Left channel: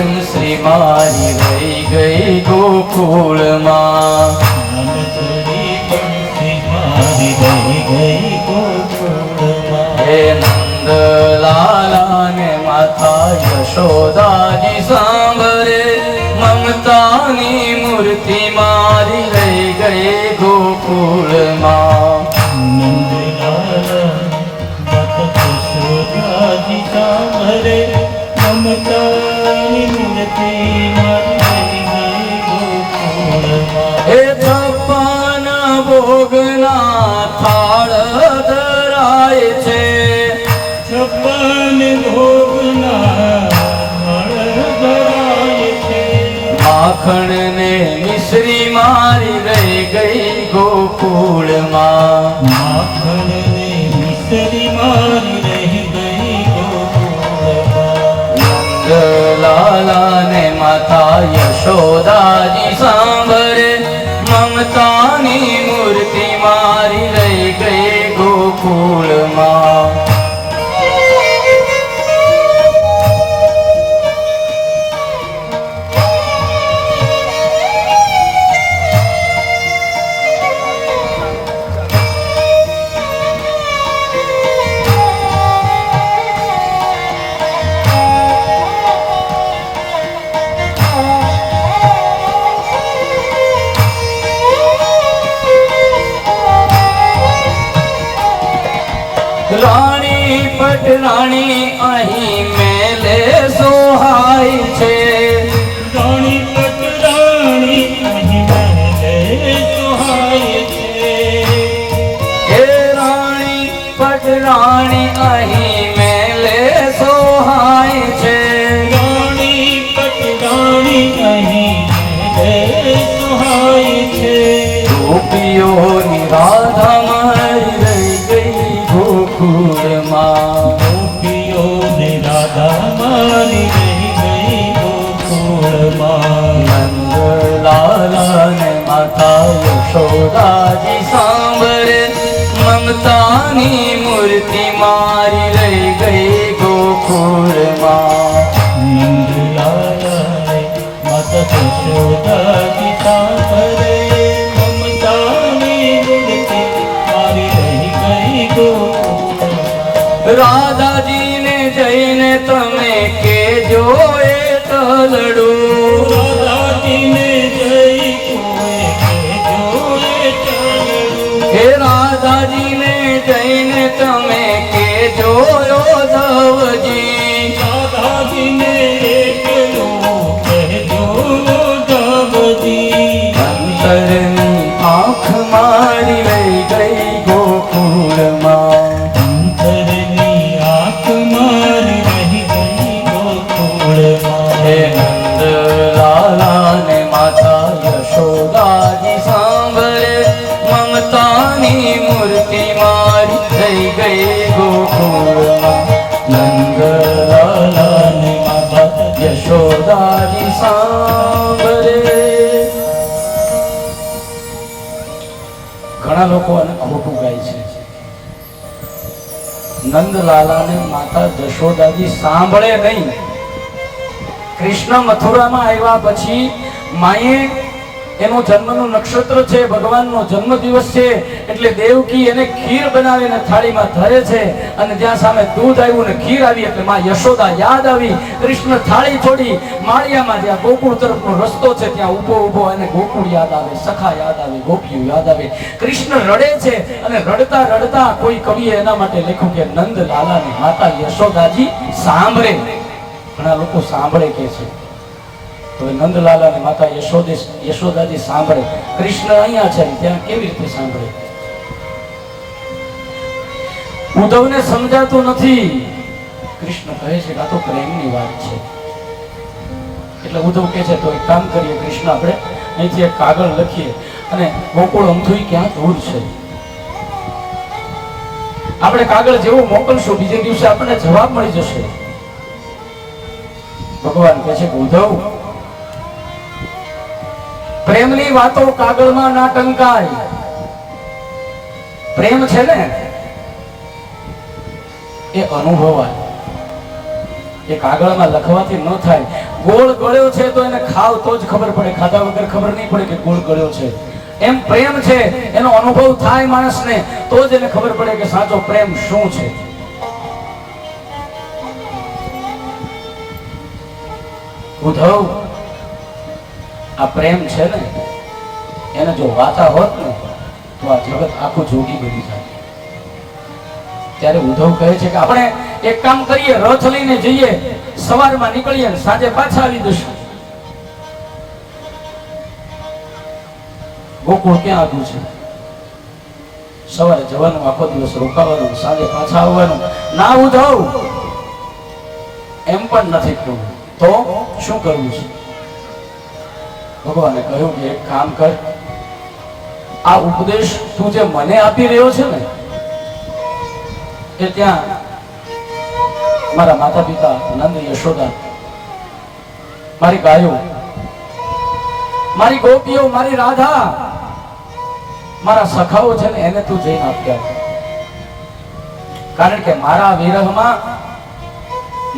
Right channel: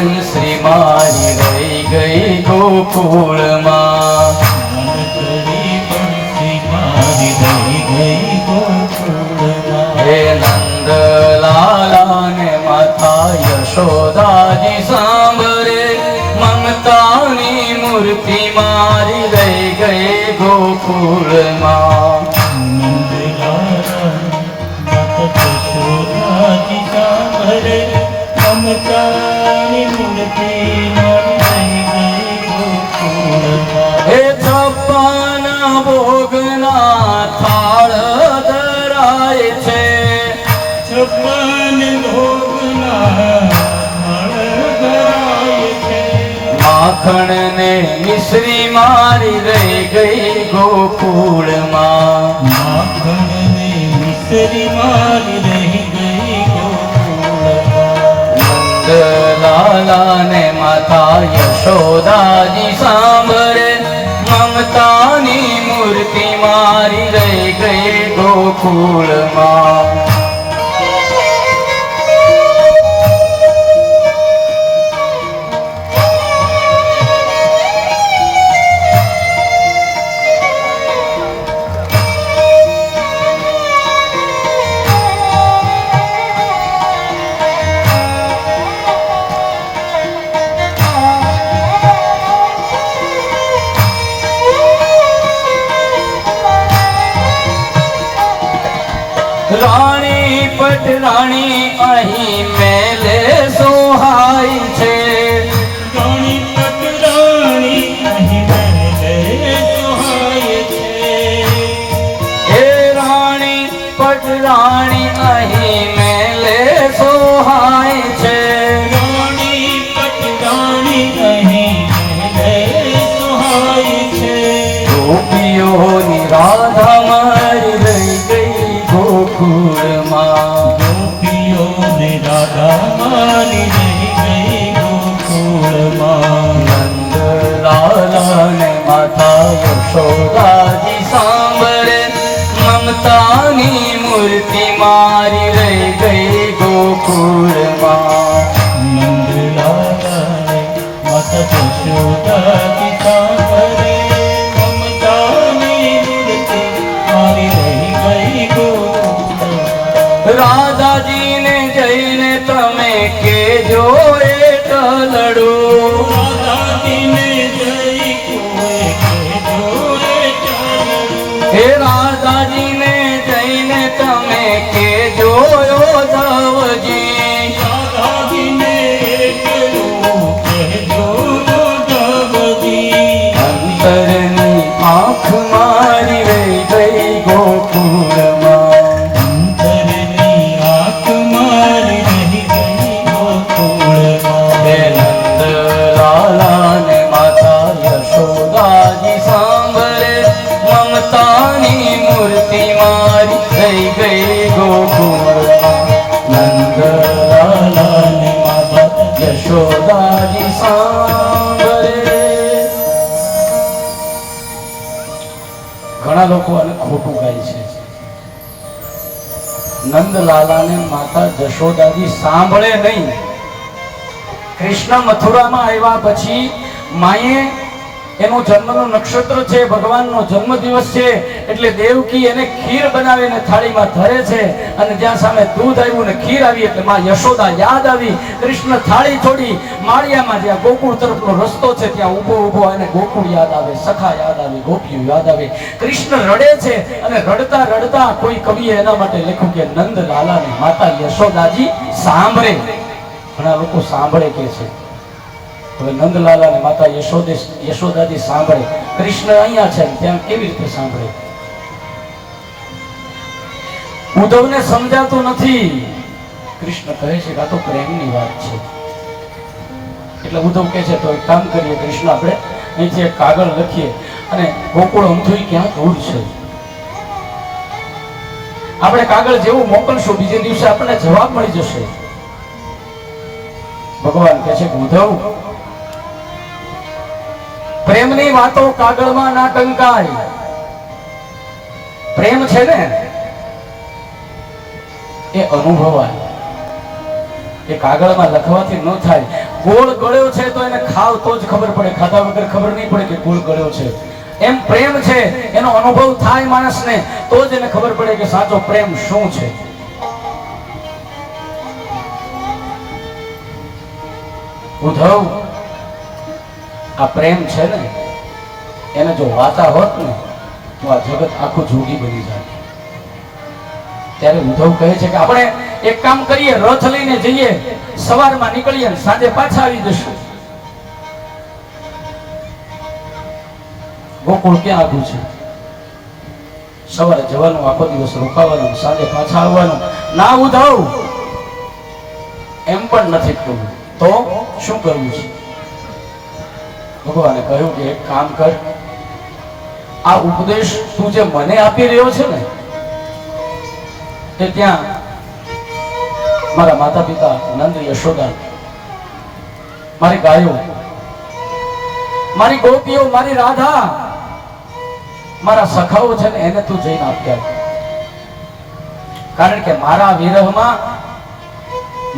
બંસરી મારી રહી ગઈ ગોકુળમાં હે નંદલાલા ને માતા યશોદાજી સાંભળે મમતાની મૂર્તિ મારી રહી ગઈ ગોકુળમાં હે છપ્પન ભોગના થાળ ધરાય છે છપ્પન ભોગના માખણ ને મિશ્રી મારી રહી ગઈ ગોકુળમાં નંદલાલા ને માતા યશોદાજી સાંભળે મમતાની મૂર્તિ મારી રહી ગઈ ગોકુળમાં રાણી પટરાણી અહીં મેલે સોહાય છે રાણી પટરાણી અહીં મેલે સોહાય છે હે રાણી પટરાણી અહીં મેલે સોહાય છે રાણી પટરાણી અહીં મેલે સોહાય છે ગોપીઓની રાધા મારી રહી ગઈ ગોકુળમાં ગોપીઓને રાધા મારી રહી ગઈ ગોકુળમાં નંદલાલા ને માતા યશોદાજી સાંભળે મમતાની મૂર્તિ મારી રહી ગઈ ગોકુળમાં નંદલાલાએ માતા યશોદાજી સાંભળે મમતાની મૂર્તિ મારી રહી ગઈ ગોકુળમાં રાધાજીને જઈને તમે કેજો એક લડું રાધાજીને જઈ કોએ જોએ ચાલ્યું હે રાધાજીને જઈને તમે કેજો ધવજી રાધાજીને એકલું કહેજો ધવજી અંતરની આંખ મારી રહી ગઈ ગોકુળમાં અંતરની આંખ મારી રહી ગઈ ગોકુળમાં હે નંદલાલા ને માતા યશોદાજી સાંભળે મમતાની મૂર્તિ મારી રહી ગઈ ગોકુળમાં નંદલાલા ને માતા યશોદાજી સાંભળે ઘણા લોકો આને ખોટું ગાય છે નંદલાલાને માતા જશોદાજી સાંભળે નહીં કૃષ્ણ મથુરામાં આવ્યા પછી માએ એનો જન્મનું નક્ષત્ર છે ભગવાનનો જન્મદિવસ છે એટલે દેવકી એને ખીર બનાવીને થાળીમાં ધરે છે અને જ્યાં સામે દૂધ આવ્યું ને ખીર આવી એટલે માં યશોદા યાદ આવી કૃષ્ણ થાળી છોડી માળિયામાં જ્યાં ગોકુળ તરફનો રસ્તો છે ત્યાં ઊભો ઊભો એને ગોકુળ યાદ આવે સખા યાદ આવે ગોપીઓ યાદ આવે કૃષ્ણ રડે છે અને રડતા રડતા કોઈ કવિએ એના માટે લખ્યું કે નંદલાલાની માતા યશોદાજી સાંભળે ઘણા લોકો સાંભળે કે છે હવે નંદલાલા ને માતા યશોદાજી સાંભળે કૃષ્ણ અહીંયા છે ત્યાં કેવી રીતે સાંભળે ઉદ્ધવને સમજાતું નથી કૃષ્ણ કહે છે કે આ તો પ્રેમની વાત છે એટલે ઉદ્ધવ કહે છે તો એક કામ કરીએ કૃષ્ણ આપણે અહીંથી એક કાગળ લખીએ અને ગોકુળ અમથું ક્યાં દૂર છે આપણે કાગળ જેવું મોકલશું બીજે દિવસે આપણને જવાબ મળી જશે ભગવાન કહે છે કે ઉદ્ધવ પ્રેમની વાતો કાગળમાં ના ટંકાય પ્રેમ છે ને એ અનુભવાય એ કાગળમાં લખવાથી ન થાય ગોળ ગળ્યો છે તો એને ખાવ તો જ ખબર પડે, ખાધા વગર ખબર નહીં પડે કે ગોળ ગળ્યો છે. એમ પ્રેમ છે, એનો અનુભવ થાય માણસને તો જ એને ખબર પડે કે સાચો પ્રેમ શું છે. ઉદ્ધવ, આ પ્રેમ છે ને એને જો વાતા હોત ને તો આ જગત આખું જોગી બની જાય. ત્યારે ઉદ્ધવ કહે છે કે આપણે એક કામ કરીએ, રથ લઈને જઈએ, સવારમાં નીકળીએ ને સાંજે પાછા આવી જશું. ગોકુળ ક્યાં આવ્યું છે? સવારે જવાનું, આખો દિવસ રોકાવાનું, સાંજે પાછા આવવાનું. ના ઉદ્ધવ, એમ પણ નથી થયું. તો શું કરવું છે? ભગવાને કહ્યું કે એક કામ કર, આ ઉપદેશ તું જે મને આપી રહ્યો છે ને એ ત્યાં મારા માતા પિતા નંદ યશોદા, મારી ગાયો, મારી ગોપીઓ, મારી રાધા, મારા સખાઓ છે ને એને તું જઈને આપ્યા. કારણ કે મારા વિરહમાં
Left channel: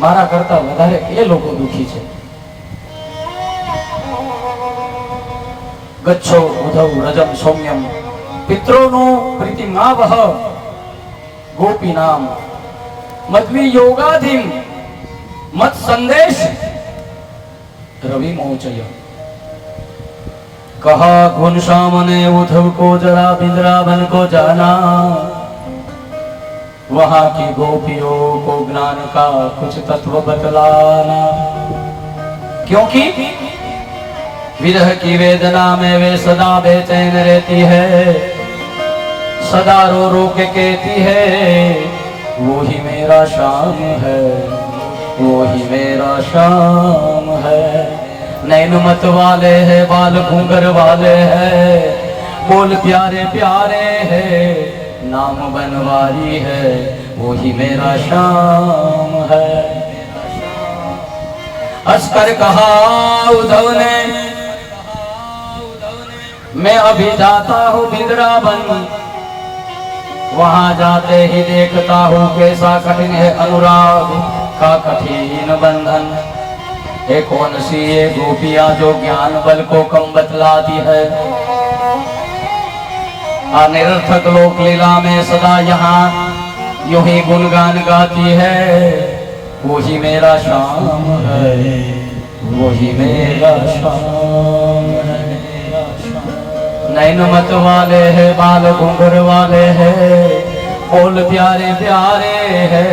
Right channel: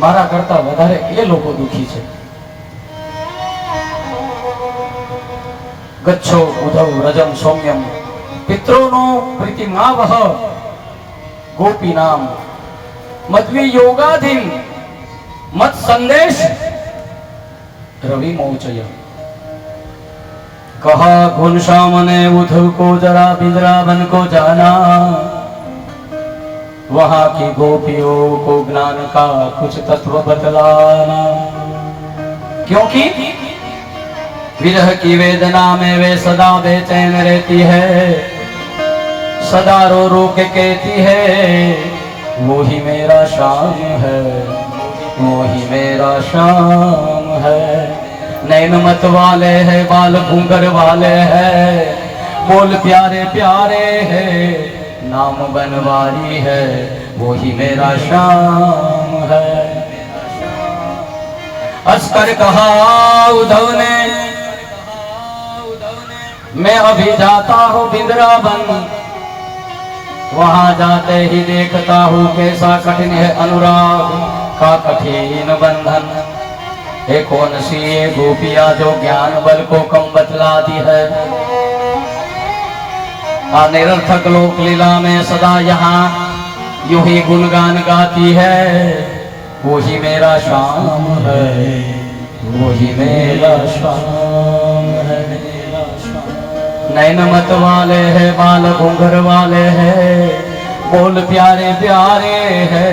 મારા કરતા વધારે એ લોકો દુખી છે. ગચ્છો ઉદ્ધવ રજમ સૌમ્યમ પિત્રોનું પ્રીતિમાવહ ગોપીનામ મદ્વી યોગાધીન મત સંદેશ રવિ મોચય. कहा घुनश्याम ने उद्धव को जरा बिंद्रावन को जाना, वहां की गोपियों को ज्ञान का कुछ तत्व बतलाना. क्योंकि विरह की वेदना में वे सदा बेचैन रहती है, सदा रो रो के कहती है वो ही मेरा शाम है, वो ही मेरा शाम है. नैन मत वाले है, बाल घूंगर वाले है, बोल प्यारे प्यारे है, नाम बनवारी है, वो ही मेरा शाम है. अस्कर कहा उद्धव ने, मैं अभी जाता हूँ बिंद्रावन, वहां जाते ही देखता हूँ कैसा कठिन है अनुराग का कठिन बंधन. एक कौन सी ये गोपियां जो ज्ञान बल को कम बतलाती है, निरर्थक लोक लीला में सदा यहाँ यूं ही गुणगान गाती है. वो ही मेरा शाम है, वो ही मेरा शाम है. नैन मत वाले है, बाल घूंघर वाले है, बोल प्यारे प्यारे है,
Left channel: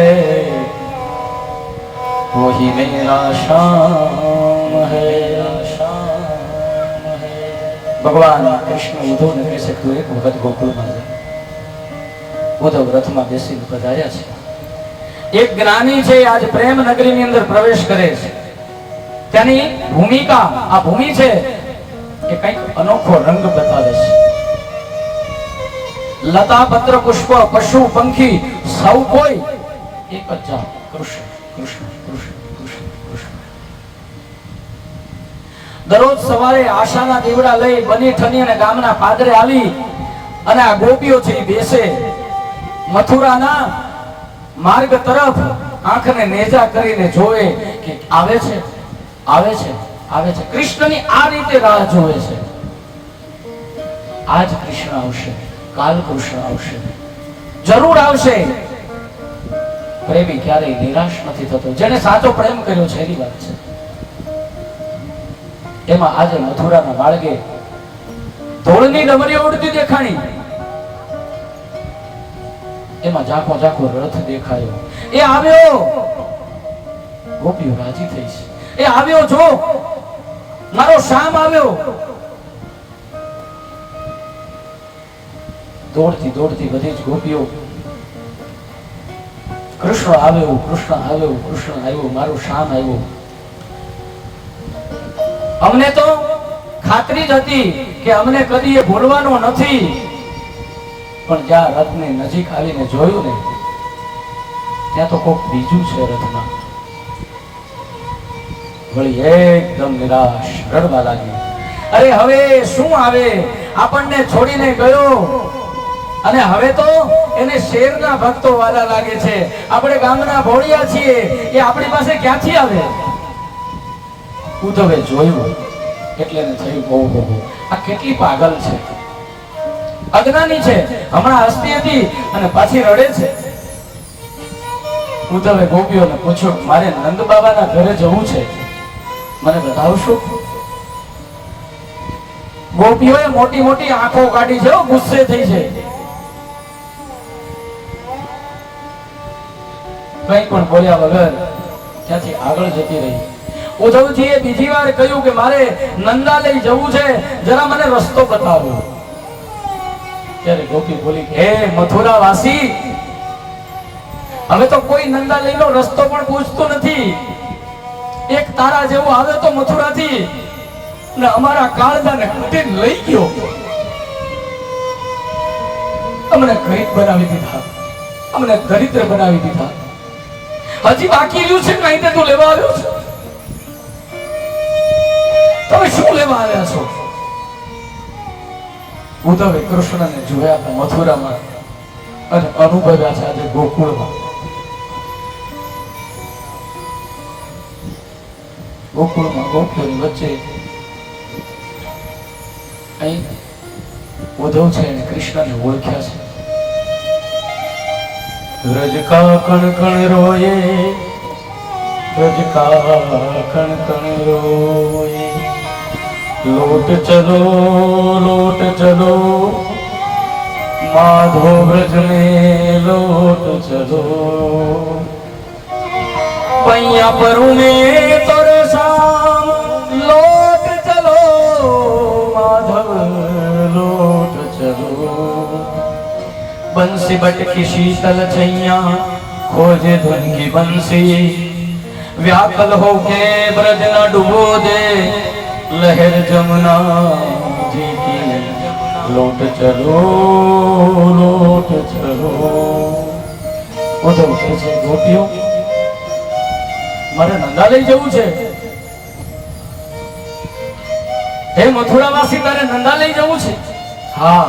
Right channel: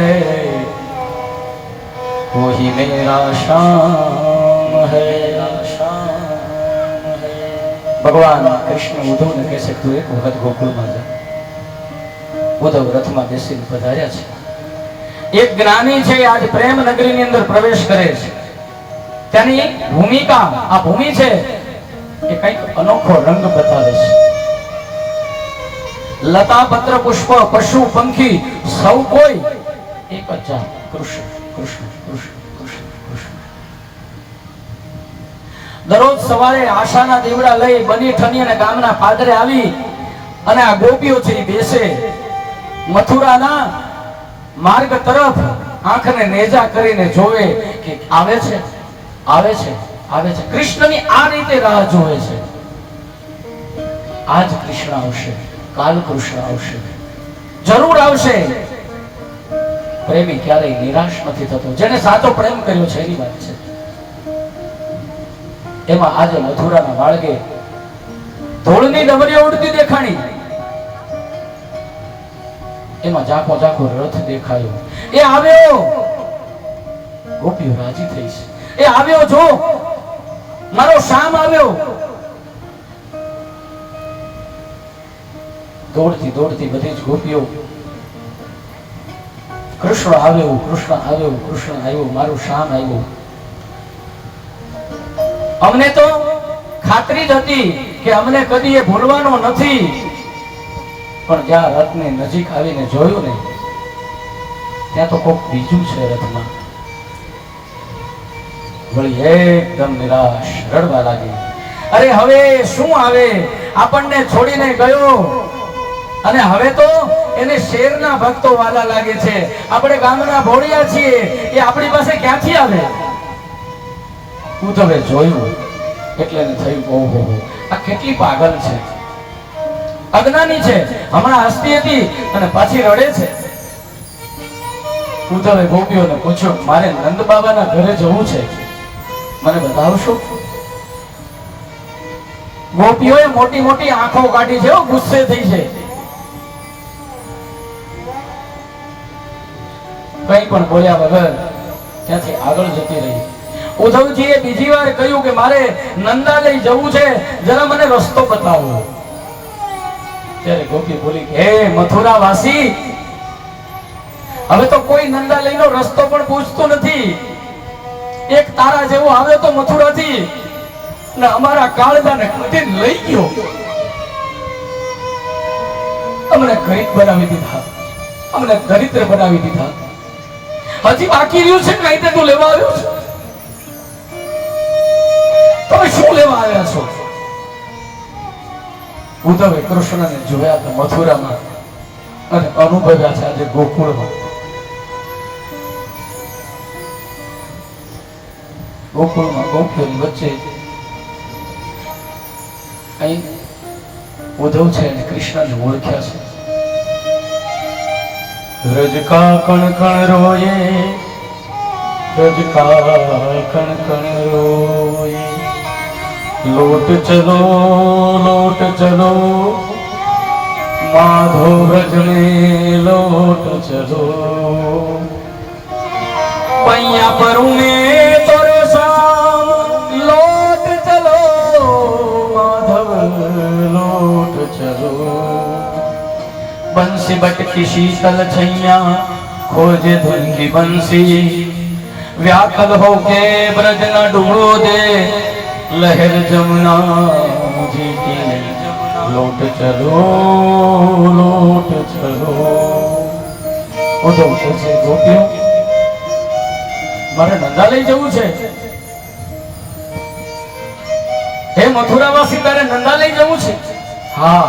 वो ही मेरा शाम है. भगवान कृष्ण उद्धव ने कह सकते एक वखत गोकुल में उद्धव रथ में बेसीने पधार्या છે. એક જ્ઞાની છે આજ પ્રેમ નગરીની અંદર પ્રવેશ કરે છે. તેની ભૂમિકા, આ ભૂમિ છે એ કંઈક અનોખો રંગ બતાવે છે. લતા પત્ર પુષ્પ પશુ પંખી સૌ કોઈ એક જ જાત, કૃષ્ણ કૃષ્ણ કૃષ્ણ કૃષ્ણ કૃષ્ણ. દરરોજ સવારે આશાના દીવડા લઈ બની ઠની અને ગામના પાદરે આવી અને આ ગોપીઓ છે બેસે મથુરાના માર્ગ તરફ આંખને નેજા કરીને જોવે કે આવે છે આવે છે આવે છે. કૃષ્ણની આ રીતે રાહ જોવે છે. આજ કૃષ્ણ આવશે, કાલ કૃષ્ણ આવશે, જરૂર આવશે. પ્રેમી ક્યારેય નિરાશ નથી થતો. જેને સાચો પ્રેમ કર્યો છે એની વાત છે. એમાં આજે મથુરાના માર્ગે ધોળની ડમરીઓ ઉડતી દેખાણી, એમાં ઝાંખો ઝાંખો રથ દેખાયો. એ આવ્યો, ગોપીઓ રાજી થઈ છે. એ આવ્યો, જો મારો શામ આવ્યો. દોડતી દોડતી બધી જ ગોપીઓ કૃષ્ણ આવ્યો, કૃષ્ણ આવ્યો, કૃષ્ણ આવ્યો, મારો શામ આવ્યો. અમને તો ખાતરી જ હતી કે અમને કદી એ ભૂલવાનો નથી. પણ જ્યાં રથની નજીક આવીને જોયું ને ત્યાં તો કોક બીજું છે રથમાં. વળી એકદમ નિરાશ રડવા લાગી. અરે હવે શું આવે, આપણને છોડીને ગયો અને હવે તો એને શેરના ભક્તો વાલા લાગે છે. આપણે ગામના ભોળિયા છીએ, એ આપણી પાસે ક્યાંથી આવે? ઉદ્ધવે જોયું એટલે એને થયું ઓહો આ કેટલી પાગલ છે, અજ્ઞાની છે, હમણાં હસતી હતી અને પાછી રડે છે. ઉદ્ધવે ગોપીઓને પૂછ્યું મારે નંદ બાબાના ઘરે જવું છે, મને બતાવશો? ગોપીઓએ મોટી મોટી આંખો કાઢી છે, ગુસ્સે થઈ છે. કઈ પણ બોલ્યા વગર ત્યાંથી આગળ જતી રહી. ઉદ્ધવજીએ બીજી વાર કહ્યું કે મારે નંદાલય જવું છે, જરા મને રસ્તો બતાવો. ત્યારે ગોપી બોલી હે મથુરા વાસી, હવે તો કોઈ નંદાલયનો રસ્તો પણ પૂછતું નથી. એક તારા જેવો આવે તો મથુરાથી ને અમારા કાળજાને કટીને લઈ ગયો, અમને ગરીબ બનાવી દીધા, અમને દરિદ્ર બનાવી દીધા. હજી બાકી રહ્યું છે કઈ તે તું લેવા આવ્યો છે? તમે શું લેવા આવ્યા છો? ઉદ્ધવે કૃષ્ણને જોયા હતા મથુરામાં અને અનુભવ્યા છે આજે ગોકુળમાં. ગોકુળમાં ગોપીઓની વચ્ચે અહીં ઉદ્ધવ છે અને કૃષ્ણને ઓળખ્યા છે. ब्रज का कण कण रोए, ब्रज का कण कण रोए, लौट चलो माधव ब्रज में लौट चलो. पैया परू में तोरे शाम लौट चलो माधव लौट चलो. बंसी बट की शीतल छैया खोजे धुन की बंसी, व्याकुल होके ब्रज न डूबो दे लहर जमुना जी की. लौट चलो ઉદ્ધવ કહે ગોપીઓ મારે નંદાલય જવું છે. હે મથુરાવાસી તારે નંદાલય જવું છે? હા,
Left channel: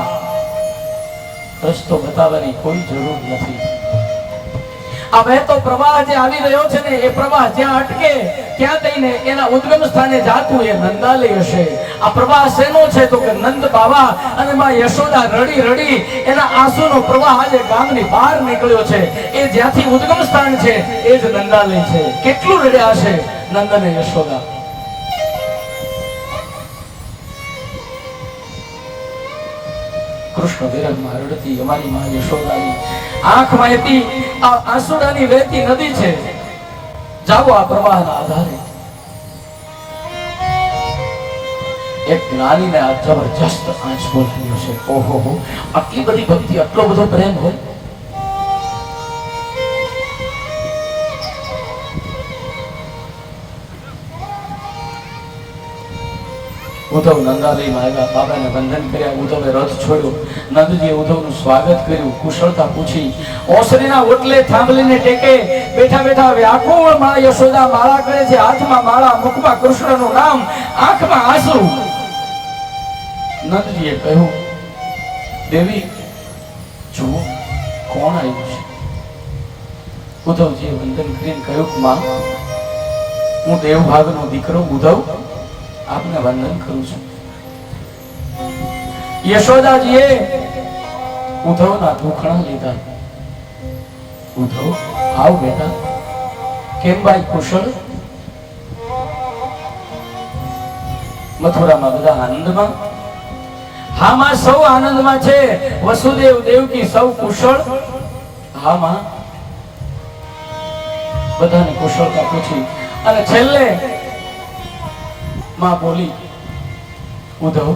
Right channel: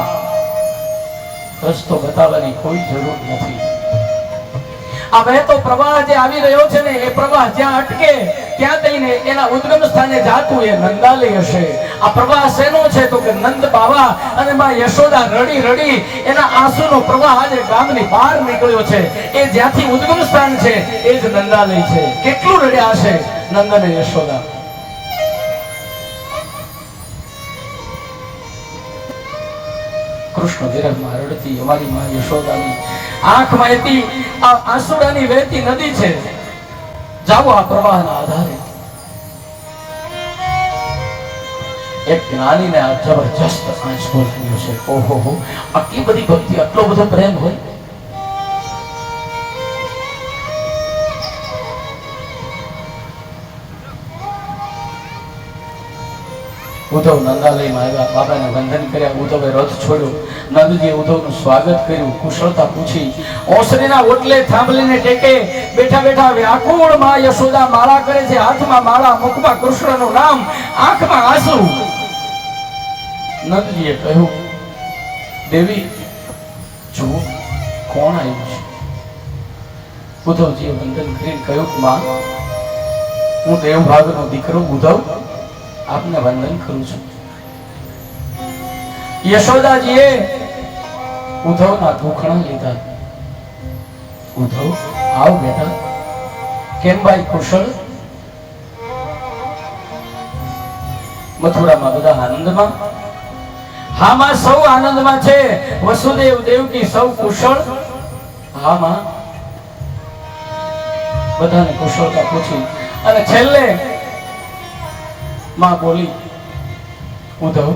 રસ્તો બતાવવાની કોઈ જરૂર નથી. આ વહેતો પ્રવાહ જે આવી રહ્યો છે ને એ પ્રવાહ જ્યાં અટકે ત્યાં જઈને એના ઉદ્ગમ સ્થાને જાતું એ નંદાલય હશે. આ પ્રવાહ શેનો છે તો કે નંદ બાબા અને માં યશોદા રડી રડી એના આંસુનો પ્રવાહ આજે ગામની બહાર નીકળ્યો છે. એ જ્યાંથી ઉદ્ગમ સ્થાન છે એ જ નંદાલય છે. કેટલું રડ્યા હશે નંદ અને યશોદા. કૃષ્ણ વિરહમાં રડતી અમારી માં યશોદાની આંખમાંથી આ આંસુડાની વહેતી નદી છે. જાઓ આ પ્રવાહના આધારે. એક જ્ઞાનીને આ જબરજસ્ત આંસુ બોલ્યો છે. ઓહો હો, આટલી બધી ભક્તિ, આટલો બધો પ્રેમ હોય. ઉદ્ધવ નંદાલયમાં આવ્યા, બાબાને વંદન કર્યા, ઉદ્ધવે રથ છોડ્યો, નંદજીએ ઉદ્ધવનું સ્વાગત કર્યું, કુશળતા પૂછી. ઓસરીના ઓટલે થાંભલીને ટેકે બેઠા બેઠા વ્યાકુળ માં યશોદા માળા કરે છે. હાથમાં માળા, મુખમાં કૃષ્ણનું નામ, આંખમાં આંસુ. નંદજીએ કહ્યું દેવી જુઓ કોણ આવ્યું છે. ઉદ્ધવજીએ વંદન કરીને કહ્યું માં હું દેવભાગનો દીકરો ઉદ્ધવ આપને વંદન કરું છું. યશોદાજીએ ઉદ્ધવના દુખણા લીધા. ઉદ્ધવ આવ બેટા, કેમ ભાઈ કુશળ? મથુરામાં બધા આનંદમાં? હા માં, સૌ આનંદમાં છે. વસુદેવ દેવકી સૌ કુશળ? હા માં. બધાને કુશળતા પૂછી અને છેલ્લે માં બોલી ઉદ્ધવ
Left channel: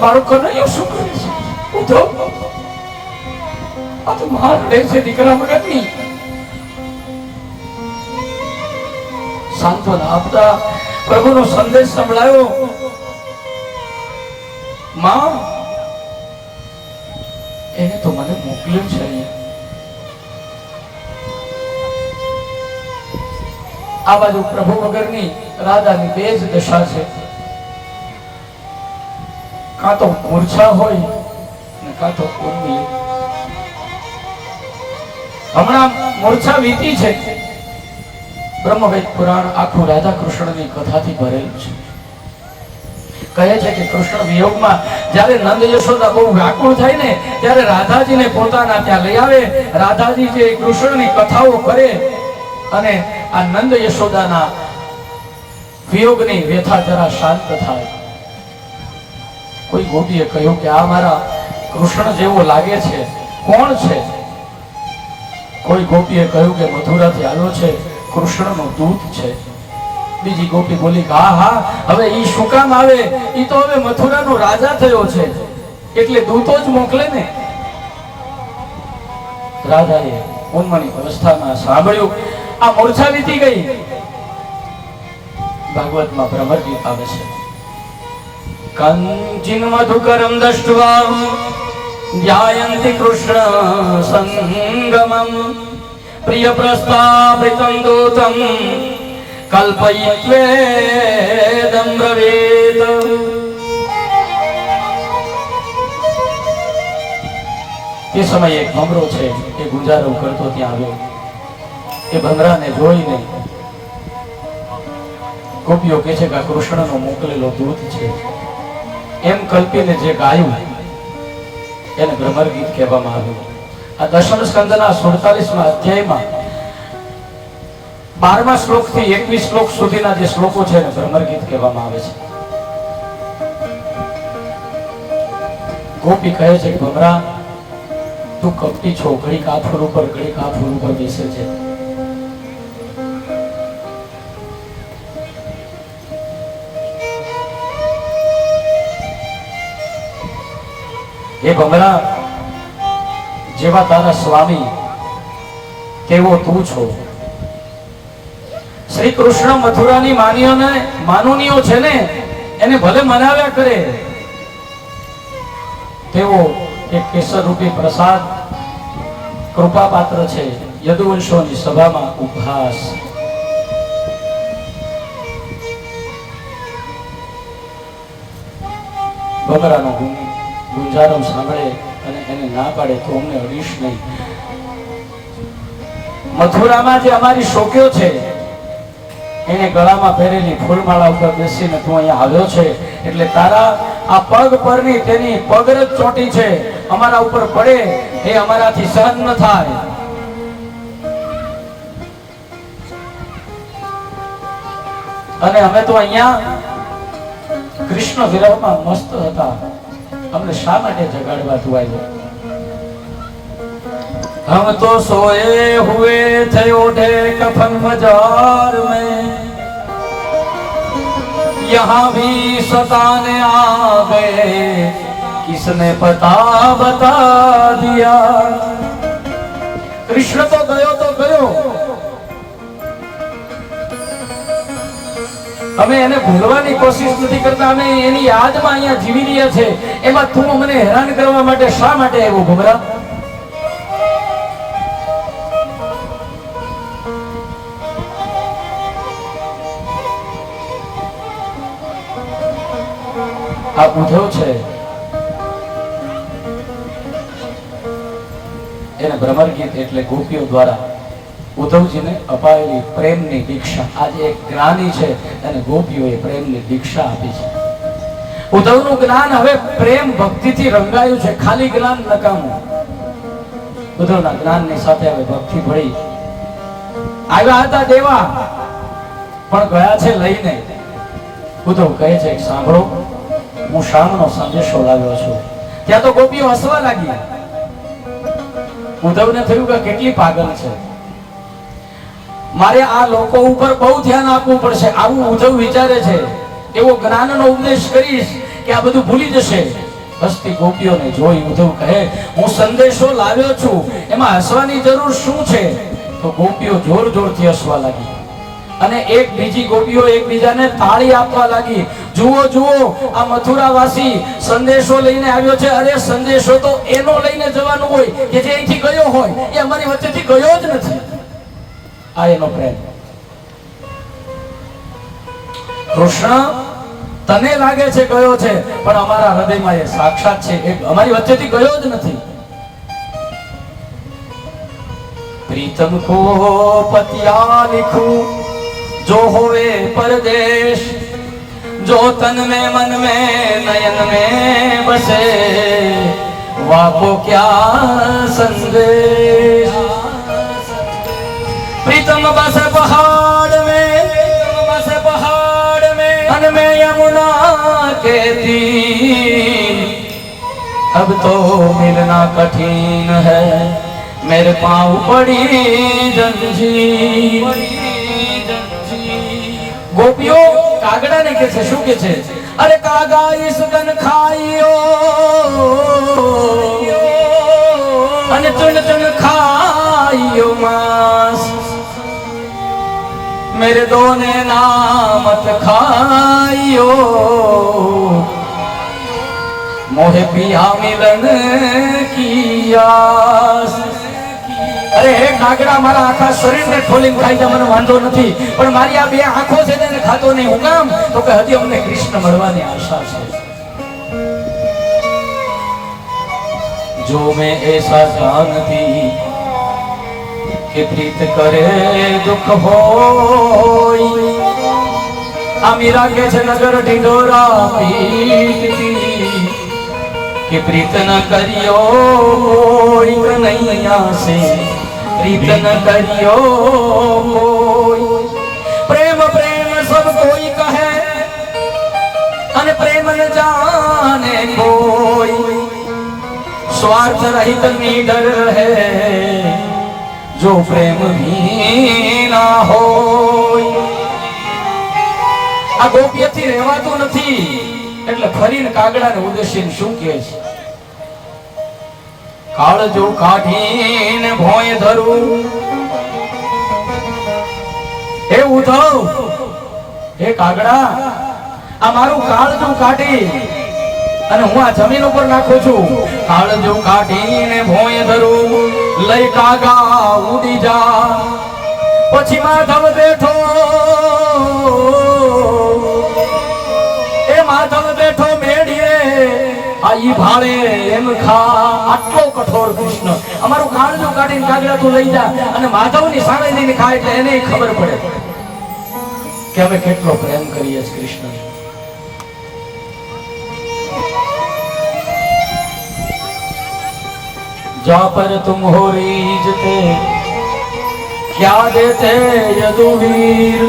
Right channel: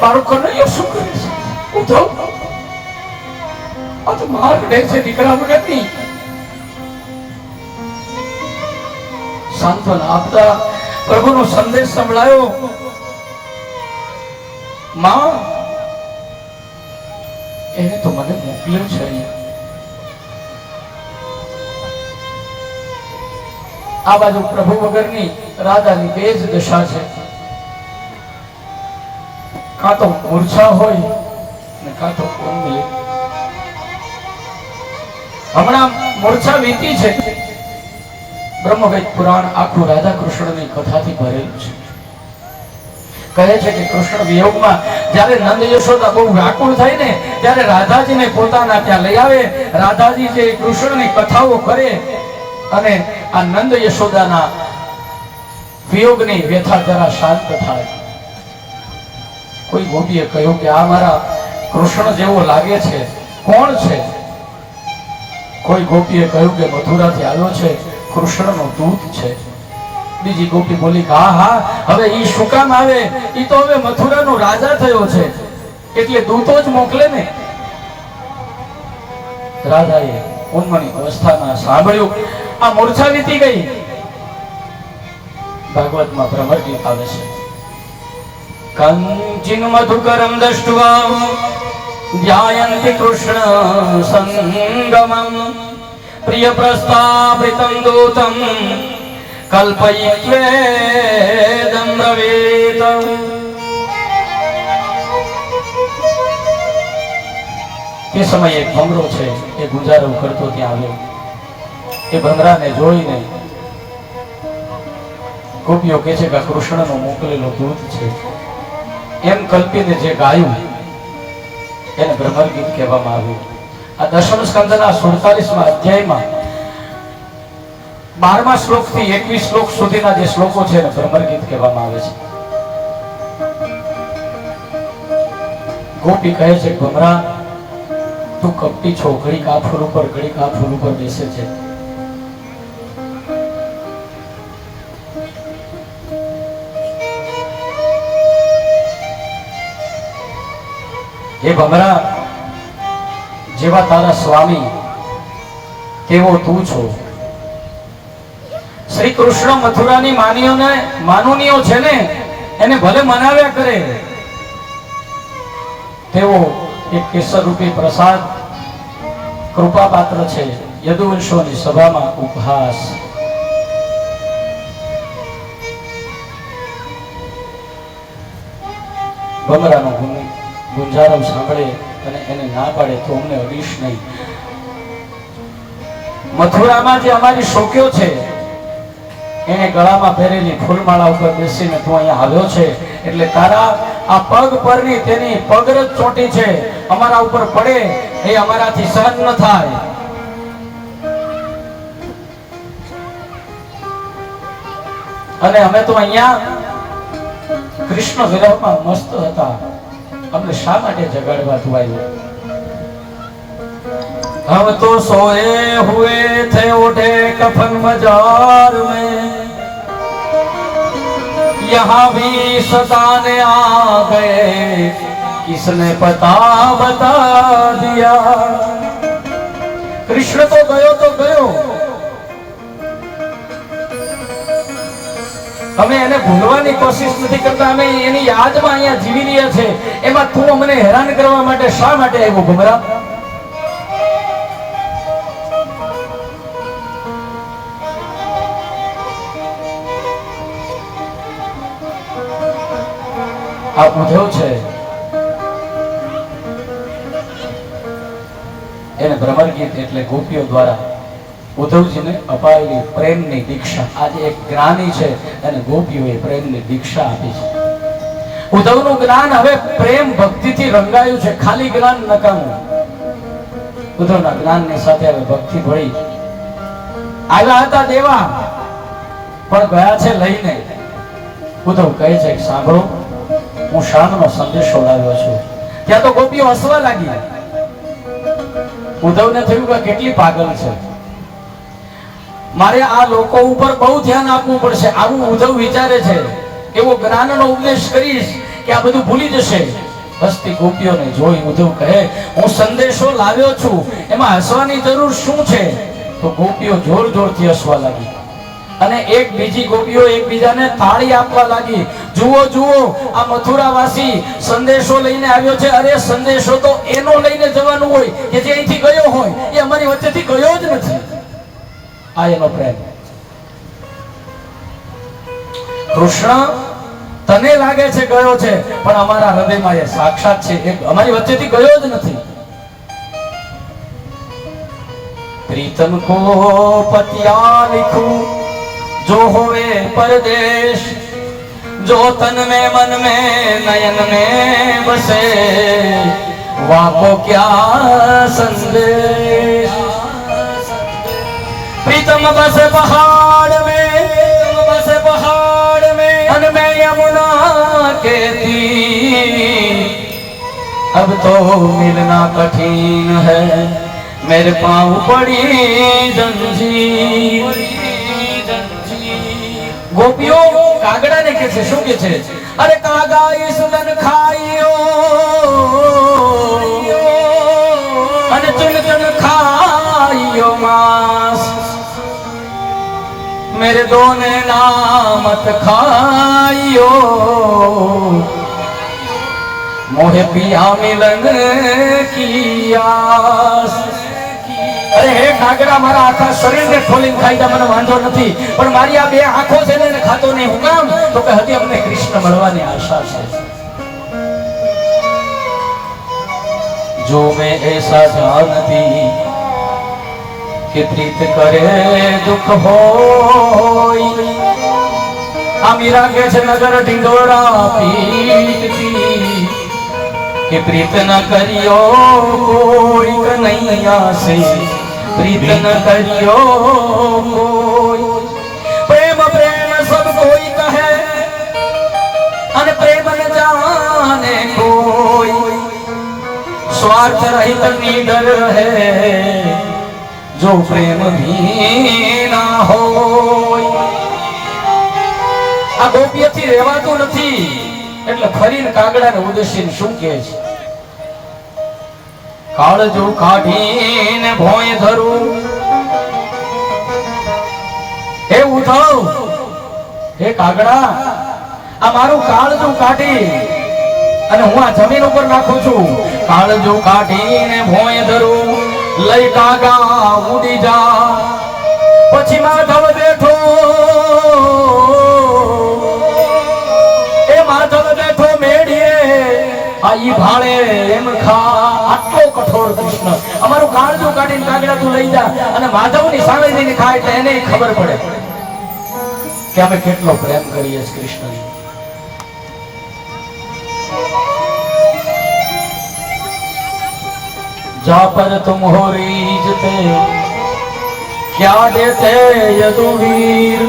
મારું કનૈયો શું કરે છે? ઉદ્ધવ આ તો માર ડે છે દીકરા વગરની. સાંત્વન આપતા પ્રભુનો સંદેશ સંભળાયો. માં એને તો મને મોકલ્યો છે અહીંયા. આ બાજુ પ્રભુ વગરની રાધાની બે જ દશા છે. કાં તો મૂર્છા હોય ને કાં તો ઊંઘ. હમણાં મૂર્છા વીતી છે, બ્રહ્મવેદ પુરાણ આખું રાધા કૃષ્ણની કથાથી ભરેલું છે. કહે છે કે કૃષ્ણ વિયોગમાં જ્યારે નંદ યશોદા બહુ વ્યાકુળ થાય ને ત્યારે રાધાજીને પોતાના ત્યાં લઈ આવે. રાધાજી જે કૃષ્ણની કથાઓ કરે અને આ નંદ યશોદાના વિયોગની વ્યથા જરા શાંત થાય. કોઈ ગોપીએ કહ્યું કે આ મારા કૃષ્ણ જેવો લાગે છે, કોણ છે? કોઈ ગોપીએ કહ્યું કે મથુરાથી આવ્યો છે, કૃષ્ણનો દૂત છે. બીજી ગોપી બોલી કે હા હા, હવે ઈ શું કામ આવે? ઈ તો હવે મથુરાનો રાજા થયો છે, એટલે દૂતો જ મોકલે ને. રાધાએ ઉન્મની અવસ્થામાં સાંભળ્યું, આ મૂર્છા વીતી ગઈ. ભાગવતમાં ભ્રમર ગીત આવે છે, કંચિન મધુકરમ દષ્ટ્વા ધ્યાયન્તિ કૃષ્ણ સંગમમ પ્રિય પ્રસ્થાપિતં દૂતમ કલ્પયિત્વેદમ બ્રવીત. તે સમયે એક ભમરો છે એ ગુંજારો કરતો ત્યાં આવ્યો. એ ભમરાને જોઈને ગોપીઓ કહે છે કે આ કૃષ્ણનો મોકલેલો દૂત છે. એમ કલ્પીને જે ગાયું એને ભ્રમર ગીત કહેવામાં આવ્યું. આ દશમ સ્કંદના 47મા અધ્યાયમાં 12મા શ્લોકથી 21 શ્લોક સુધીના જે શ્લોકો છે એને ભ્રમર ગીત કહેવામાં આવે છે. ગોપી કહે છે કે ભમરા, તું કપટી છો, ઘડીક આ ફૂલ ઉપર ઘડીક આ ફૂલ ઉપર બેસે છે. એ ભમરા, જેવા તારા સ્વામી તેવો તું છો. શ્રી કૃષ્ણ મથુરાની માનુનીઓ છે ને એને ભલે મનાવ્યા કરે, તેવો એક કેસર રૂપી પ્રસાદ કૃપા પાત્ર છે. યદુવંશોની સભામાં ઉપહાસ. ભમરાનો ગુંજારો સાંભળે અને એને ના પાડે તો અમને અડીશ નહીં. મથુરામાં જે અમારી શોક્યો છે એને ગળામાં પહેરેલી ફૂલમાળા ઉપર બેસીને તું અહીંયા આવ્યો છે, એટલે તારા આ પગ પરની તેની પગરજ ચોટી છે, અમારા ઉપર પડે એ અમારાથી સહન ન થાય. અને અમે તો અહીંયા કૃષ્ણ વિરહમાં મસ્ત હતા, અમને શા માટે જગાડવા તું આવ્યો? हम तो सोए हुए थे उठे कफन मजार में, यहाँ भी सताने आ गए, किसने पता बता दिया. कृष्ण तो गयो, અમે એને ભૂલવાની કોશિશ નથી કરતા, અમે એની યાદમાં અહીંયા જીવી રહ્યા છે. એમાં તું અમને હેરાન કરવા માટે શા માટે આવ્યો ભમરા? આ ઉદ્ધવ છે એને ભ્રમર ગીત એટલે ગોપીઓ દ્વારા ઉદ્ધવજીને અપાયેલી પ્રેમની દીક્ષા. આજે એક જ્ઞાની છે અને ગોપીઓએ પ્રેમની દીક્ષા આપી છે. ઉદ્ધવનું જ્ઞાન હવે પ્રેમ ભક્તિથી રંગાયું છે, ખાલી જ્ઞાન નકામું. ઉદ્ધવના જ્ઞાનની સાથે હવે ભક્તિ ભળી. આવ્યા હતા દેવા પણ ગયા છે લઈને. ઉદ્ધવ કહે છે કે સાંભળો, હું શામનો સંદેશો લાવ્યો છું. ત્યાં તો ગોપીઓ હસવા લાગી. ઉદ્ધવને થયું કે કેટલી પાગલ છે, મારે આ લોકો ઉપર બહુ ધ્યાન આપવું પડશે. આવું ઉદ્ધવ વિચારે છે. એવો જ્ઞાનનો ઉપદેશ કરીશ કે આ બધું ભૂલી જશે. હસતી ગોપીઓને જોઈ ઉદ્ધવ કહે, હું સંદેશો લાવ્યો છું, એમાં હસવાની જરૂર શું છે? તો ગોપીઓ જોર જોરથી હસવા લાગી અને એક બીજી ગોપીઓ એકબીજાને તાળી આપવા લાગી. જુઓ જુઓ, આ મથુરાવાસી સંદેશો લઈને આવ્યો છે. અરે સંદેશો તો એનો લઈને જવાનું હોય કે જે અહીંથી ગયો હોય, એ અમારી વચ્ચેથી ગયો જ નથી. આ એનો પ્રેમ. કૃષ્ણ તને લાગે છે ગયો છે, પણ અમારા હૃદયમાં એ સાક્ષાત છે, એ અમારી વચ્ચેથી ગયો જ નથી. प्रीतम को पतिया लिखूं जो होवे परदेश, जो तन में मन में नयन में बसे, वाको क्या संदेश। प्रीतम बस पहाड़ में, बस पहाड़ में, मन में यमुना के तीर। अब तो मिलना कठिन है, मेरे पाँव पड़ी जंजीर। गोपियों कागड़ा ने के शू के छे, अरे कागा इस दन खाइयो अने चुन चुन खाइयो मांस, मेरे दोने नामत खाइयो, मोहे पिया मिलन की आस। अरे हे कागड़ा, मारा आखा शरीर ने खोलीने खाई तो મને વાંધો નથી, પણ મારી આ બે આંખો છે ને ખાતો નહીં. હું કામ? તો કે હજી અમને કૃષ્ણ મળવાની આશા છે. जो मैं ऐसा जानती कि प्रीत करे दुख होई, आ मीरा के छे नगर ढिंढोरा पीटती कि प्रीत न करियो कोई, कन्हैया से प्रीत न करियो कोई। प्रेम प्रेम सब कोई कहे, अन प्रेम न जाने कोई, स्वार्थ रहित निडर रहे, जो प्रेम भी ना होय। आ गोपीयથી રહેવાતું નથી, એટલે ફરીને કાગડાને ઉદ્દેશીને શું કહે છે? કાળજો કાઢીને ભોય ધરું, હે ઉધવ, હે કાગડા, આ મારું કાળજું કાઢી અને હું આ જમીન ઉપર નાખું છું. કાળજો કાઢીને ભોય ધરું, લઈ કાગા ઉડી જા. પછી માધવ બેઠો, એ માધવ બેઠો મેડીએ, આ ઈ ભાળે એમ ખા. આટલો કઠોર કૃષ્ણ, અમારું કાળજું કાઢીને કાગડા તું લઈ જા અને માધવની સામે જઈને ખા, એટલે એને ખબર પડે કે અમે કેટલો પ્રેમ કરીએ છીએ કૃષ્ણની. जा पर तुम हो रीझते, क्या देते यदुवीर,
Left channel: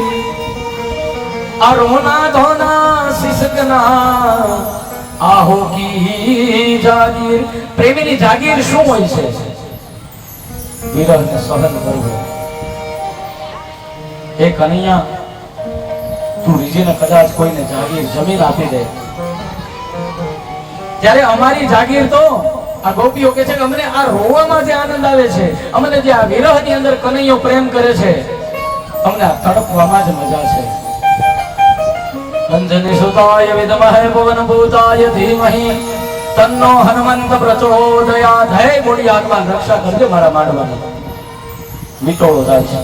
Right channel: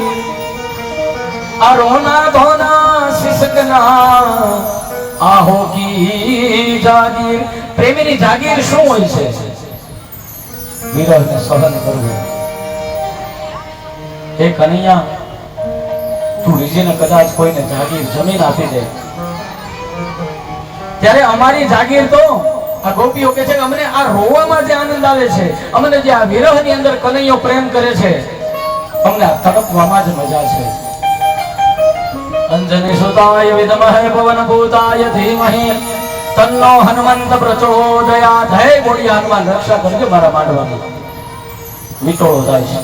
अरोना धोना सिसकना आहो की जागीर. प्रेमीनी जागीर શું હોય છે? વિરહને સહન કરવું. એ કનૈયા, તું રીજીને કદાચ કોઈને જાગીર જમીન આપી દે, ત્યારે અમારી જાગીર તો આ ગોપીઓ કે છે કે અમને આ રોવામાં જે આનંદ આવે છે, અમને જે આ વિરહની અંદર કનૈયો પ્રેમ કરે છે, અમને આ તડપવામાં જ મજા છે. અંજની સુતાય વિદ્મહે પવન ભૂતાય ધીમહિ તન્નો હનુમંત પ્રચોદયાત. હે બોડી હનુમાન, રક્ષા કરજો મારા માંડવાની. વિટોળો થાય છે.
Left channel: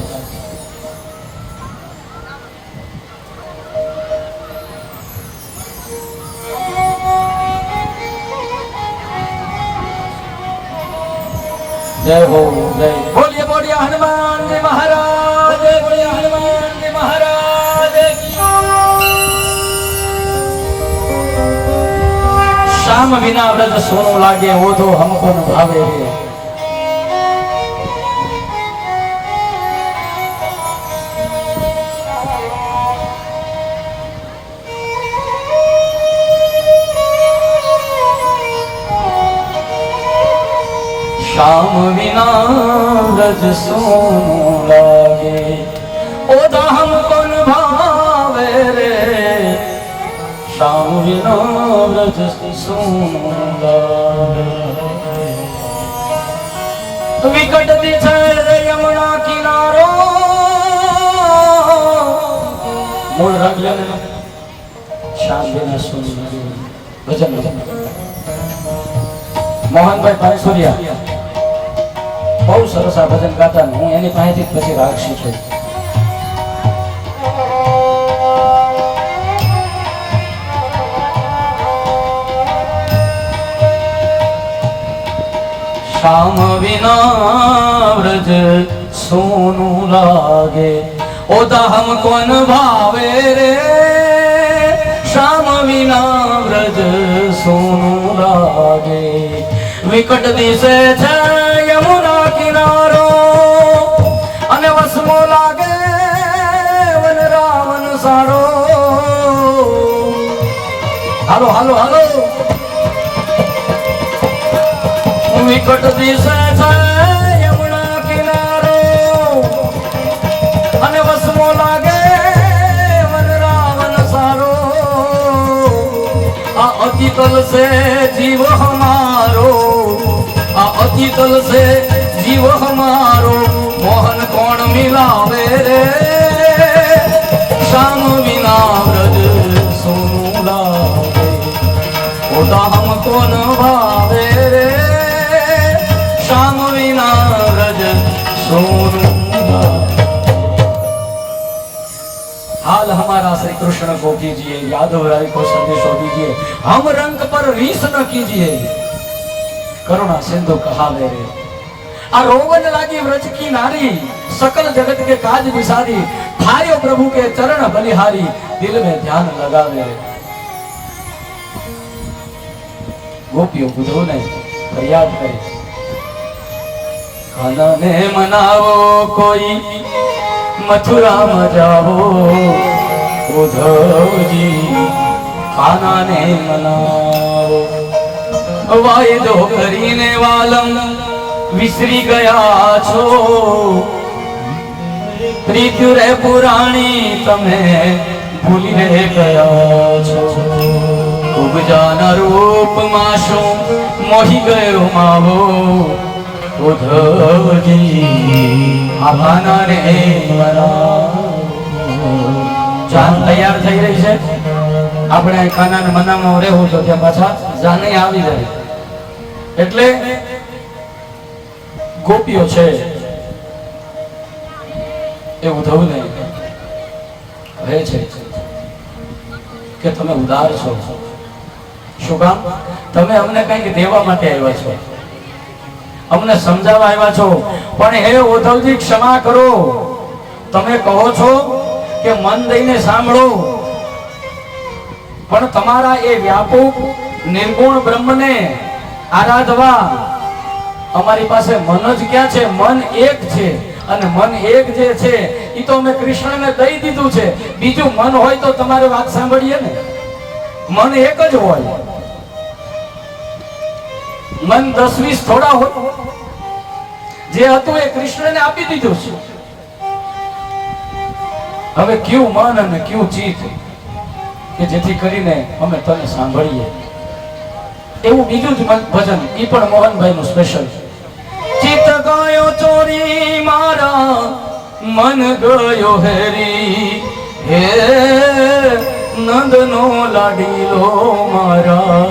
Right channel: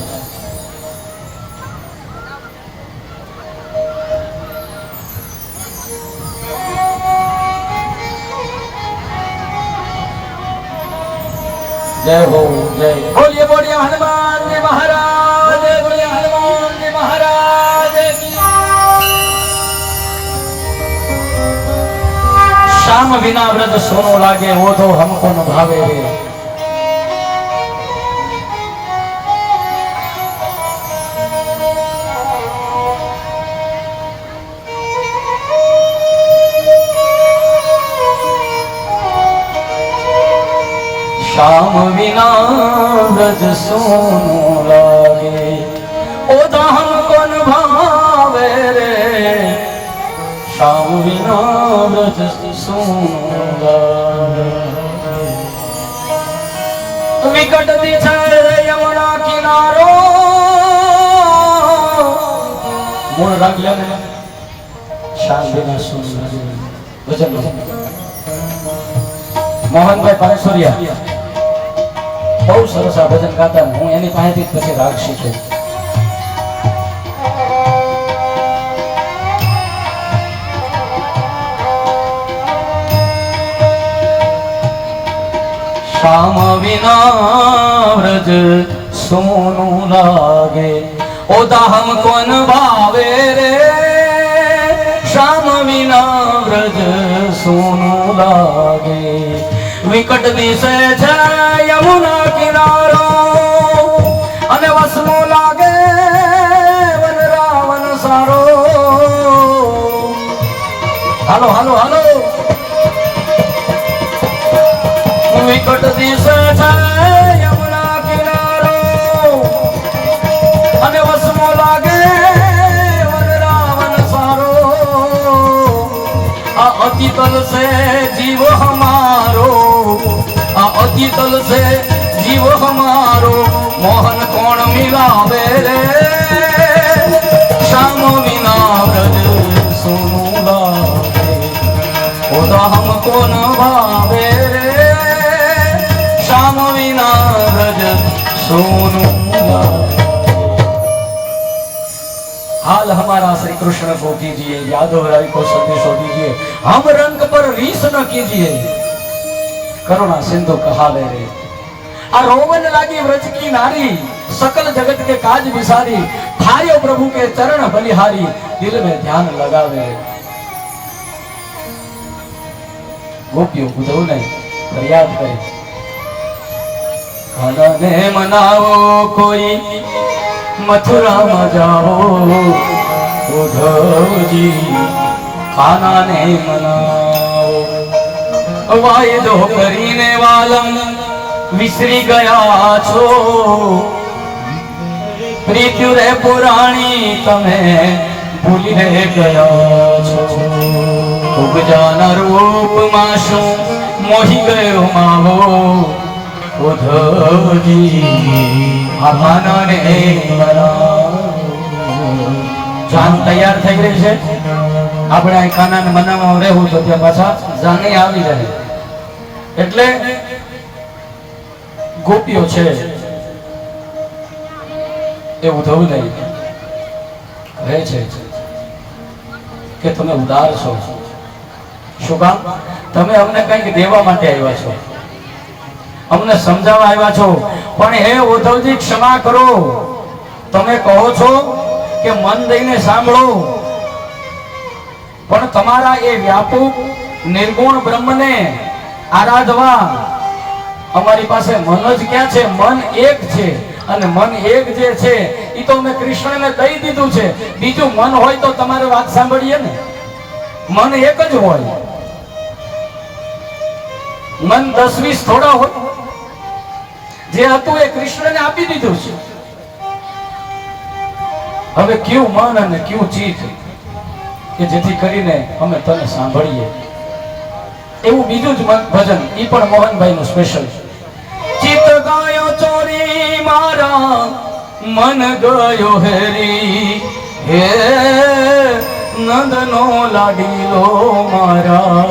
जय हो जय, बोलिए बोलिए हनुमान जी महाराज, बोलिए हनुमान जी महाराज की। श्याम बिना व्रज सोनो लागे, वो तो हमको न भावे रे। श्याम बिना व्रज सोनो लागे, ओदा हमको न भावे रे। श्याम बिना व्रज सोनो लागे, विकट दिखे यमुना किनारो। मूल रंग लेने श्याम बिना सोनो लागे. भजन मोहन भाई पारेश्वरिया બહુ સરસ આ ભજન ગાતા. હું એની પાસેથી પછી રાગ શીખ્યો. श्याम बिना व्रज सोनू लागे, ओदा हमको न भावे रे श्याम विना व्रज सोनू लागे विकट दिशे છે યમુના કિનારો અને વસમો લાગે વન રાવણ સારો હાલો હાલો હાલો વિકટ દિશે છે યમુના કિનારો અને વસમો લાગે વન રાવણ સારો આ અતિ તલ से जीव हमारो आ अति तल से जीव हमारो मोहन कौन मिलावे रे श्याम विना व्रज सोनू लागे ओदा हमको न भावे रे श्याम विना व्रज सोनू लागे। हाल हमारा श्री कृष्ण को कीजिए यादव राय को संदेशो दीजिए हम रंग पर रीस न कीजिए करुणा सिंधु कहावे रे आ रोवन लागी व्रज की नारी सकल जगत के काज विसारी थारियो प्रभु के चरण बलिहारी दिल में ध्यान लगावे रे गोपियों बुझो नहीं फरियाद करे कान्हा ने मनावो कोई मथुरा में जाओ उद्धव जी कान्हा ने मनाओ वायदो કરીને વાલમ વિસરી ગયા છો પ્રીત્યુ રે પુરાણી તમે ભૂલી રે ગયા છો ઉગજાના રૂપમાં શું મોહી ગયો માવો ઉદ્ધવજી આ કાનાને મનાવો જાન તૈયાર થઈ રહી છે આપણે આ કાનાને મનાવવા રહેવું તો ત્યાં પાછા જાને આવી જાય એટલે ગોપીઓ છે એ ઉધવ નહીં કહે છે કે તમે ઉદાર છો શું કામ તમે અમને કંઈક દેવા માટે આવ્યા છો અમને સમજાવવા આવ્યા છો પણ હે ઉદ્ધવજી ક્ષમા કરો તમે કહો છો કે મન દઈને સાંભળો પણ તમારા એ વ્યાપક નિર્ગુણ બ્રહ્મને આરાધવા અમારી પાસે મન જ ક્યાં છે મન એક છે અને મન એક જે છે એ તો મેં કૃષ્ણને દઈ દીધું છે બીજું મન હોય તો તમારે વાત સાંભળીએ ને મન એક જ હોય મન 10-20 થોડા હોય જે હતું એ કૃષ્ણને આપી દીધું છે હવે કયું મન અને કયું ચિત્ત કે જેથી કરીને અમે તને સાંભળીએ એવું બીજું જ ભજન ઈ પણ મોહનભાઈ નું સ્પેશિયલ ચિત્ત ગયો ચોરી મારા મન ગયો હેરી હે નંદનો લાડીલો મારા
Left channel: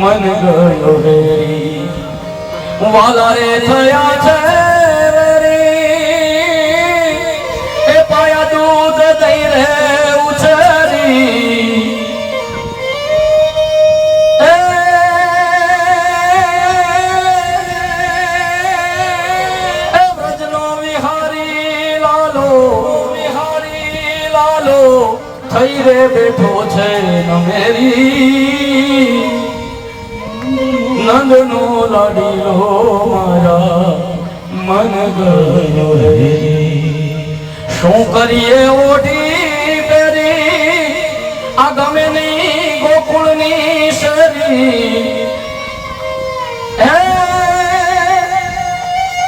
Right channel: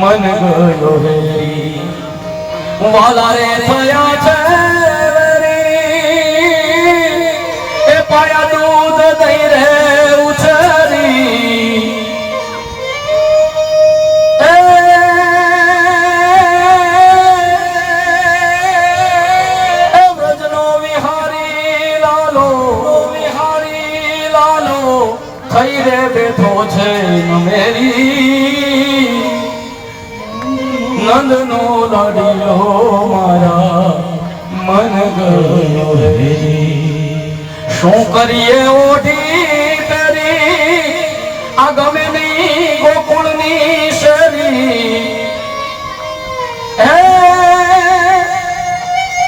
મન ગયો હેરી વાલા રે થયા છે એ પાયા દૂધ દઈ રે થઈ રે બેઠો છે મેરી નંદનો લાડીલો મારા મન ગયો રે શું કરીએ ઓઢી કરી આ ગમે ની ગોકુળની શરી હે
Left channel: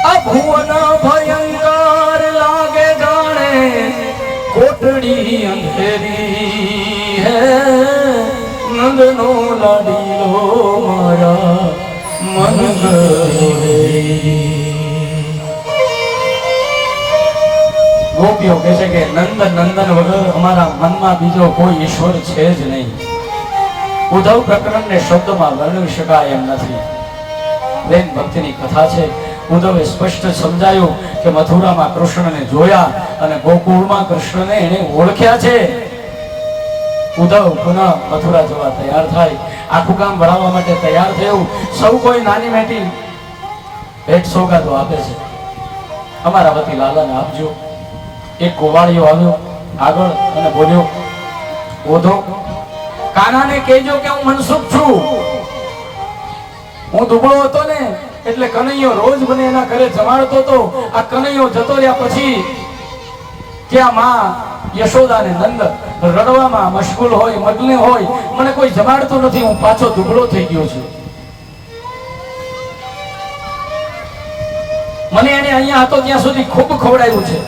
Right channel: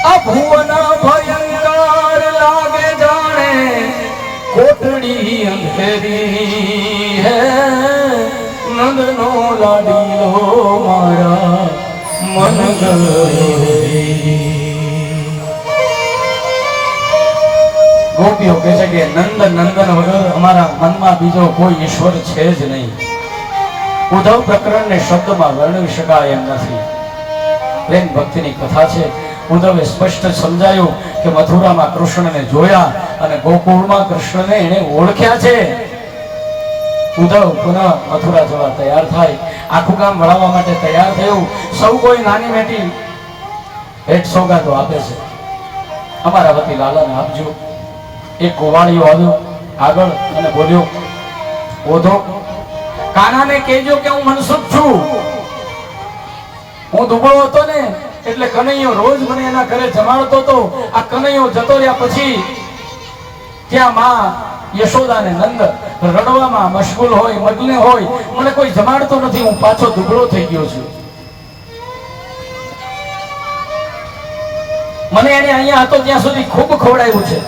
આ ભુવન ભયંકર લાગે જાણે कोटड़ी अंधेरी है नंदनो लाडीलो मारा मन गए। गोपियों કહે છે કે નંદન નંદન વગર અમારા મનમાં બીજો કોઈ ઈશ્વર છે જ નહીં. ઉદ્ધવ પ્રકરણને શબ્દમાં વર્ણવી શકાય એમ નથી. પ્રેમ ભક્તિની કથા છે. ઉદ્ધવે સ્પષ્ટ સમજાયું કે મથુરામાં કૃષ્ણને જોયા અને ગોકુળમાં કૃષ્ણને એને ઓળખ્યા છે. ઉદ્ધવ પુનઃ મથુરા જવા તૈયાર થાય. આખું ગામ વળાવવા માટે તૈયાર થયું. સૌ કોઈ નાની મેટી ભેટ સોગાદો આપે છે. અમારા વતી લાલાને આપજો. એક ગોવાળીઓ આવ્યો આગળ અને બોલ્યો, ઓધો કાનાને કહેજો કે હું મનસુખ છું. હું દુબળો હતો ને એટલે કનૈયો રોજ મને એના ઘરે જમાડતો હતો. આ કનૈયો જતો રહ્યા પછી ત્યાં માં યશોદા ને નંદ રડવામાં મશગુલ હોય, મગ્ન હોય, મને કોઈ જમાડતો નથી, હું પાછો દુબળો થઈ ગયો છું. મને એને અહીંયા હતો ત્યાં સુધી ખૂબ ખવડાવ્યું છે,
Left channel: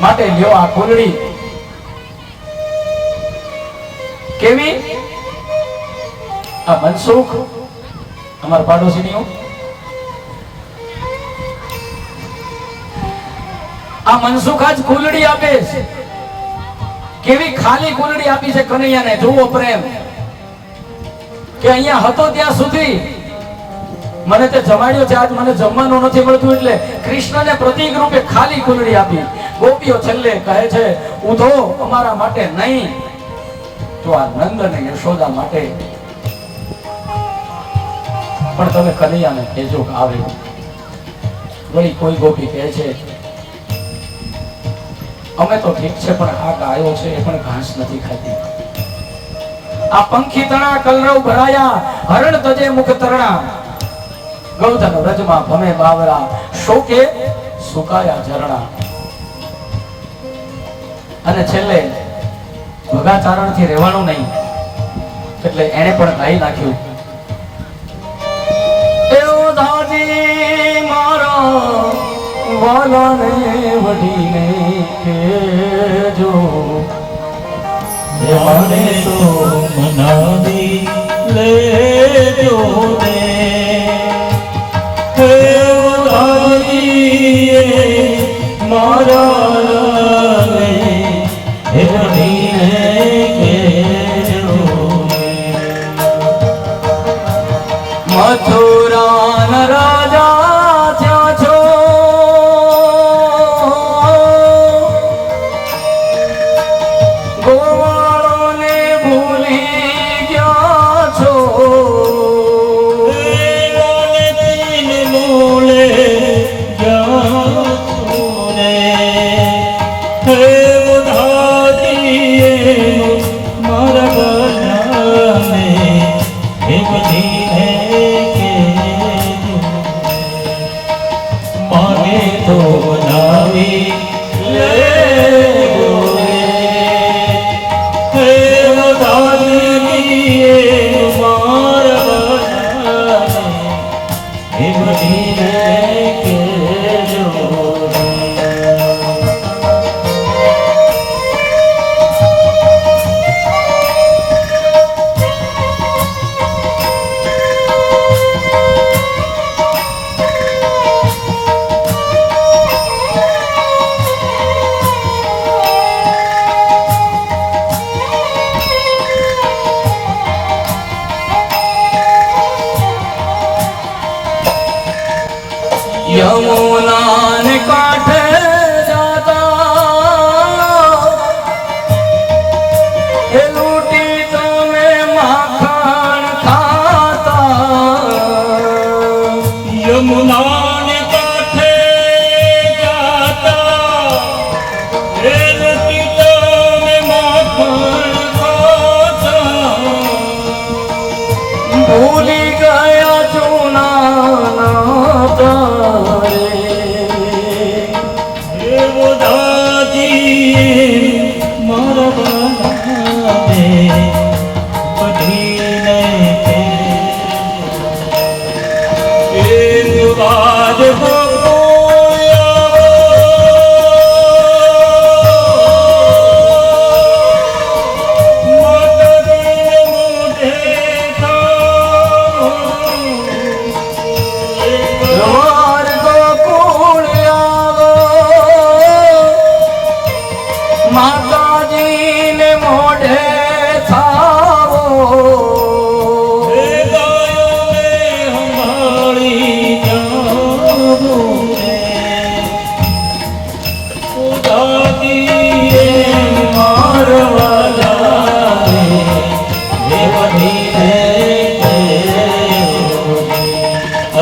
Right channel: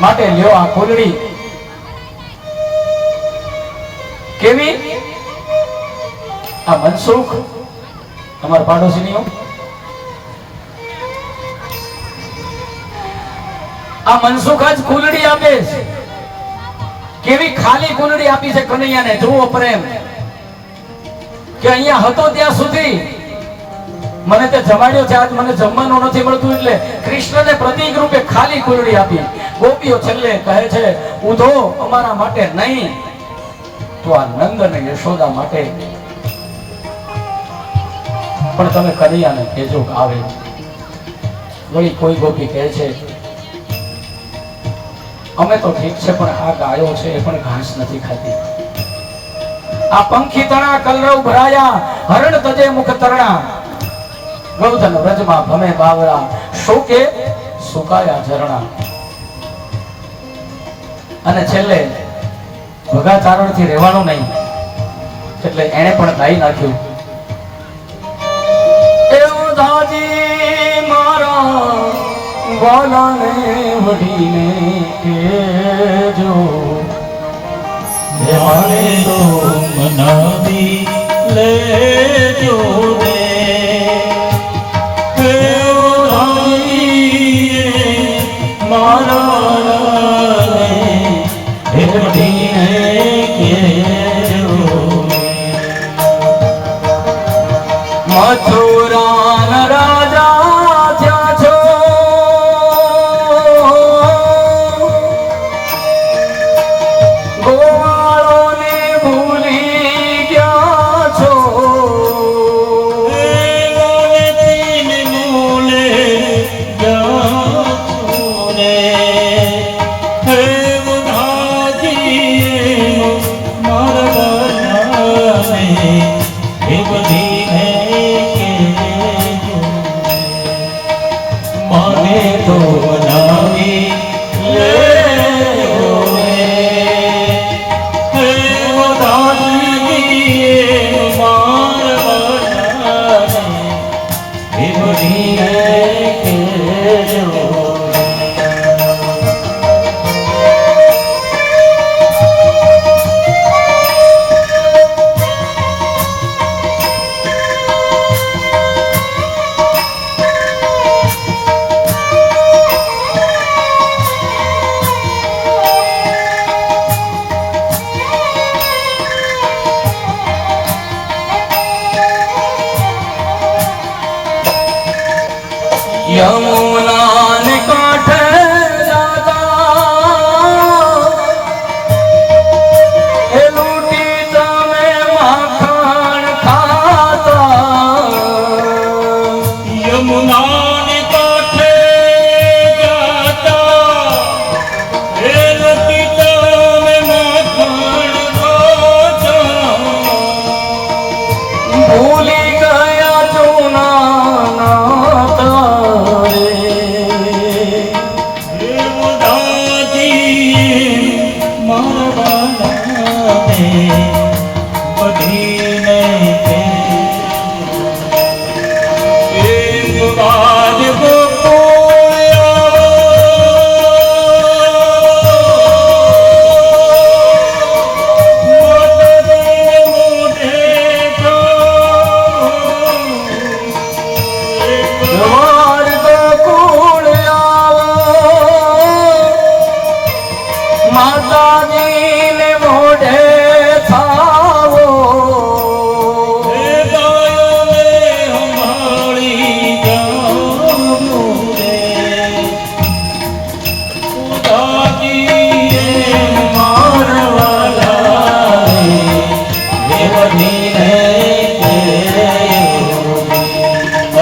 માટે લ્યો આ ફૂલડી. કેવી? આ મનસુખ અમારા પાડોશીની, આ મનસુખ આજ ફૂલડી આપે છે. કેવી ખાલી ફૂલડી આપી છે કનૈયાને. જુઓ પ્રેમ કે અહીંયા હતો ત્યાં સુધી મને તે જમાડ્યો છે, આજ મને જમવાનું નથી મળતું એટલે કૃષ્ણને પ્રતીક રૂપે ખાલી ફૂલડી આપી. ગોપીઓ છેલ્લે કહે છે, ઉધો અમારા માટે નહીં તો આ નંદ અને યશોદા માટે પણ તમે કનૈયાને કહેજો આવે. વળી કોઈ ગોપી કહે છે, અમે તો ઠીક છે પણ આ ગાયો છે એ પણ ઘાસ નથી ખાતી. આ પંખી તણા કલરવ ભરાયા, હરણ તજે મુખ તરણા, ગૌધન વ્રજમાં ભમે બાવરા, શોકે સુકાયા ઝરણા. અને છેલ્લે ભગાચારણ થી રહેવાનું નહીં એટલે એને પણ ગાઈ નાખ્યું, એવો દાદી મારા વાલાને વઢીને કેજો, મને તો મનાવી લેજો ને, કેવડાવીએ મારા હેડીને કેજો ને. મથુરાન રાજા ત્યાં છો, ગોવાળોને ભૂલી ગયા છો. યમુના ને કાંઠે જાતા, એ લૂંટી તમે માખણ ખાતા. યમુનાને કાંઠે જાતા, એ લૂંટી તમે માખણ ખાતા. ભૂલી ગયા જૂના નાતા. માતાજીને મોઢે થાવો,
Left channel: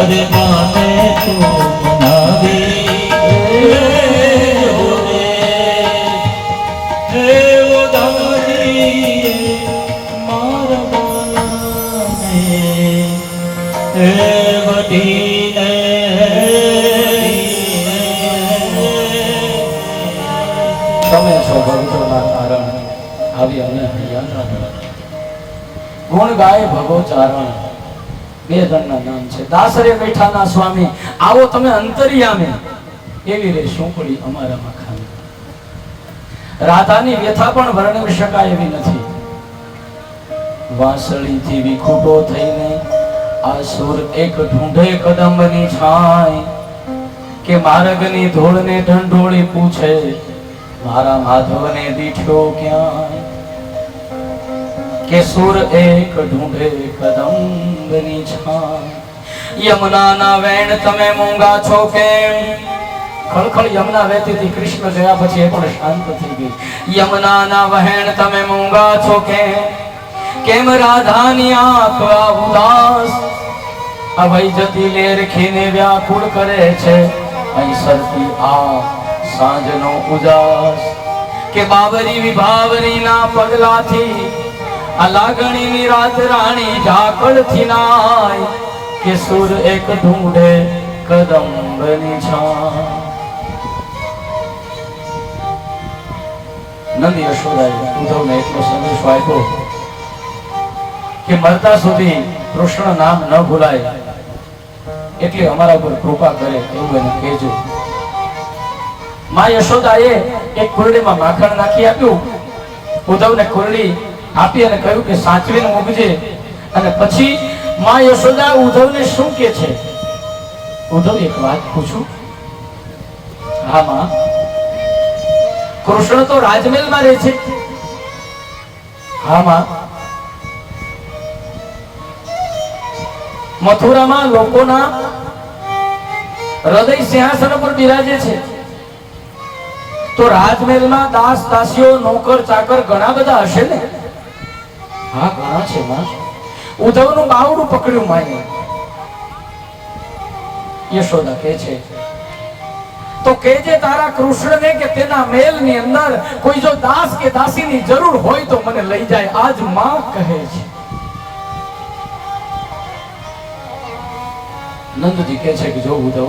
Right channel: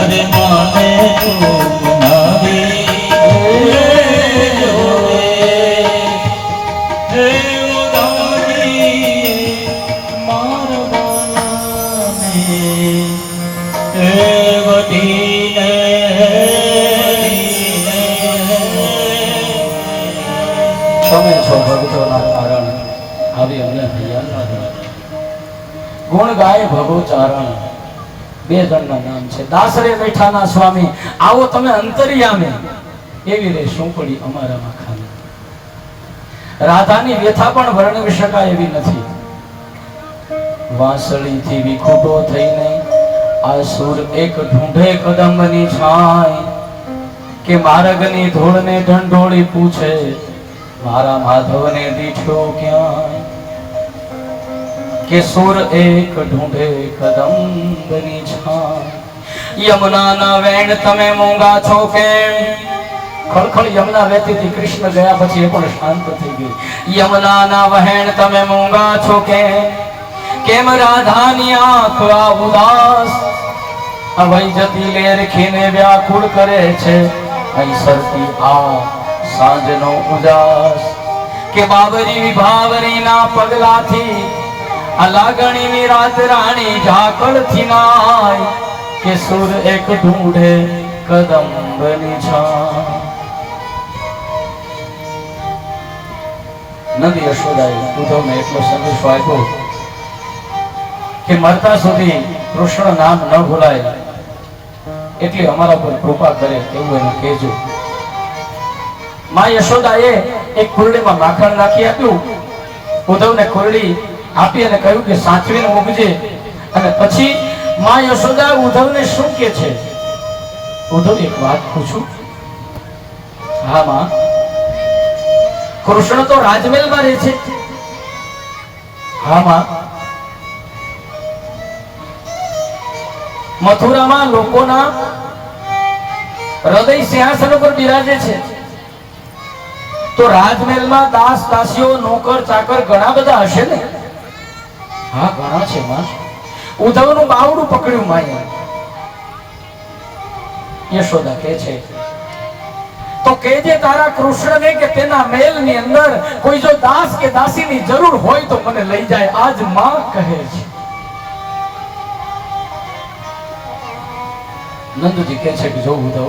અરે માને તો બનાવી ગુણ ગાય ભગો ચારણ. બે જણના નામ છે. દાસરે બેઠાના સ્વામી આવો તમે અંતરિયામે એવી રે સુંકડી અમારામાં ખામી. રાધાની વ્યથા પણ વર્ણવી શકાય એવી નથી. વાસળીથી વિખૂટો થઈને આ સુર એક ઢૂંઢે કદંબની છાય કે માર્ગની ધૂળને ઢંઢોળી પૂછે મારા માધવને દીઠ્યો ક્યાંય. કે સુર એક ઢૂંઢે કદંબની છાય. યમુનાના વેણ તમે મૂંગા છો કેમ? ખળખળ યમુના વહેતી હતી. કૃષ્ણ ગયા પછી એ પણ શાંત થઈ ગઈ. યમુનાના વહેણ તમે મૂંગા છો કેમ રાધાની આંખ આ ઉદાસ અવઈ જતી લેર ખીને વ્યાકુળ કરે છે સરતી આ સાંજનો ઉજાસ. કે બાબરી વિભાવરી ના પગલાથી આ લાગણીની રાત રાણી ઝાકળથી નાય કે સુર એક ઢૂંઢે કદંબની છાય. નંદ યશોદાએ ઉદ્ધવને એટલો સંદેશો આપ્યો કે મરતા સુધી કૃષ્ણ નામ ન ભૂલાય એટલે અમારા પર કૃપા કરે એવું એને કહેજો. માં યશોદાએ એક કુરડીમાં માખણ નાખી આપ્યું. ઉદ્ધવને કુરડી આપી અને કહ્યું કે સાચવીને મૂકજે. અને પછી માં યશોદા ઉદ્ધવને શું કહે છે? ઉદ્ધવ એક વાત પૂછું? હા માં. કૃષ્ણ તો રાજમહેલમાં રહે છે. હા માં. મથુરામાં લોકોના હૃદય સિંહાસન પર બિરાજે છે. તો રાજમહેલમાં દાસ દાસીઓ નોકર ચાકર ઘણા બધા હશે ને? હા ઘણા છે માં. ઉદ્ધવનું બાવડું પકડ્યું માએ. યશોદા કહે છે તો કહેજે તારા કૃષ્ણને કે તેના મહેલની અંદર કોઈ જો દાસ કે દાસીની જરૂર હોય તો મને લઈ જાય. આજ માં કહે છે. નંદજી કહે છે કે જો ઉદ્ધવ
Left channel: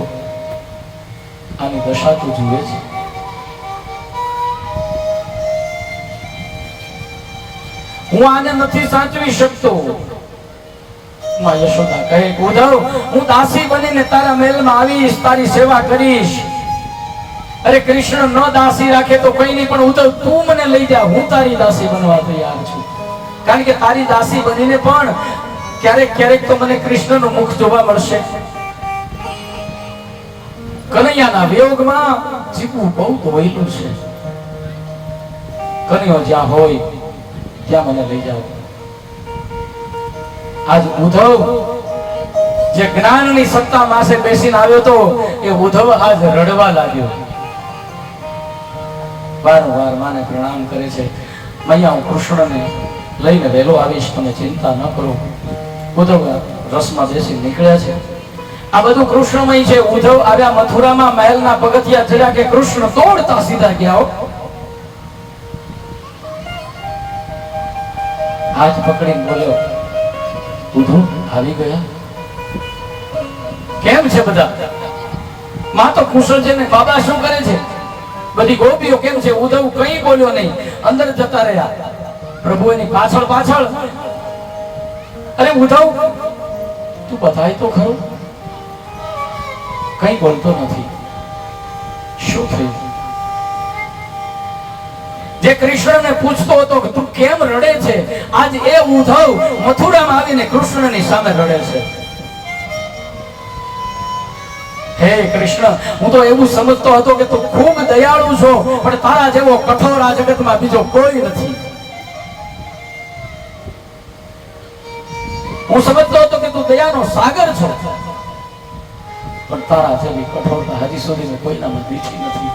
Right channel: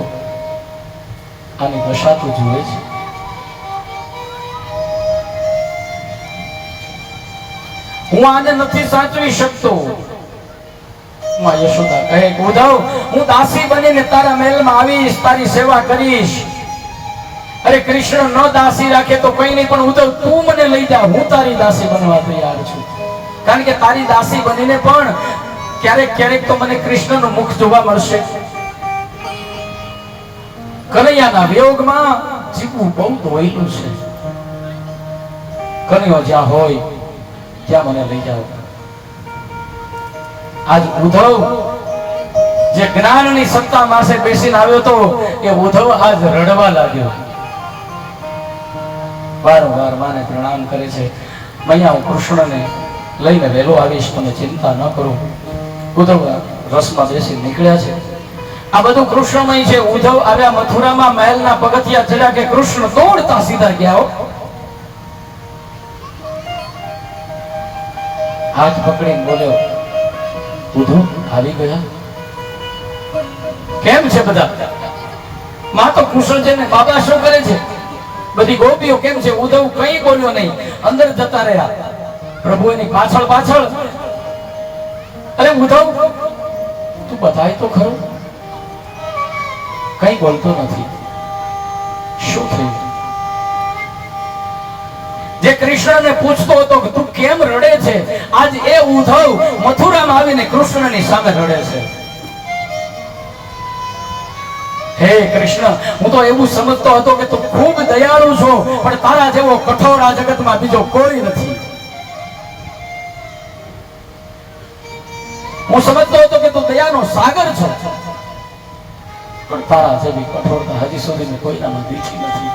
આની દશા તું જુએ છે. હું આને નથી સાચવી શકતો. માં યશોદા કહે ઉદ્ધવ હું દાસી બનીને તારા મહેલમાં આવીશ, તારી સેવા કરીશ. અરે કૃષ્ણ ન દાસી રાખે તો કઈ નહીં, પણ ઉદ્ધવ તું મને લઈ જા. હું તારી દાસી બનવા તૈયાર છું. કારણ કે તારી દાસી બનીને પણ ક્યારેક ક્યારેક તો મને કૃષ્ણનું મુખ જોવા મળશે. કનૈયાના વિયોગમાં જીવવું બહુ દોયલું છે. કનૈયો જ્યાં હોય ત્યાં મને લઈ જાવ. આજ ઉદ્ધવ જે જ્ઞાનની સત્તા પાસે બેસીને આવ્યો તો એ ઉદ્ધવ આજ રડવા લાગ્યો. વારંવાર માને પ્રણામ કરે છે. મૈયા હું કૃષ્ણને લઈને વહેલો આવીશ, તમે ચિંતા ન કરો. ઉદ્ધવ રસમાં બેસી નીકળ્યા છે. આ બધું કૃષ્ણમય છે. ઉદ્ધવ આવ્યા મથુરામાં, મહેલના પગથિયા ચડ્યા કે કૃષ્ણ દોડતા સીધા ગયા. હાથ પકડીને બોલ્યો ઉદ્ધવ આવી ગયા? કેમ છે બધા? માં તો કૃષ્ણ છે ને બાબા શું કરે છે? બધી ગોપીઓ કેમ છે? ઉદ્ધવ કઈ બોલ્યો નહીં, અંદર જતા રહ્યા. પ્રભુ એની પાછળ પાછળ. અરે ઉદ્ધવ તું બતાય તો ખરું. કઈ બોલતો નથી. શું થયું? જે કૃષ્ણને પૂછતો હતો કે તું કેમ રડે છે, આજ એ ઉદ્ધવ મથુરામાં આવીને કૃષ્ણની સામે રડે છે. હે કૃષ્ણ, હું તો એવું સમજતો હતો કે તું ખૂબ દયાળુ છો, પણ તારા જેવો કઠોર આ જગતમાં બીજો કોઈ નથી. હું સમજતો હતો કે તું દયાનો સાગર છો, પણ તારા જેવી કઠોરતા હજી સુધી કોઈનામાં દીઠી નથી.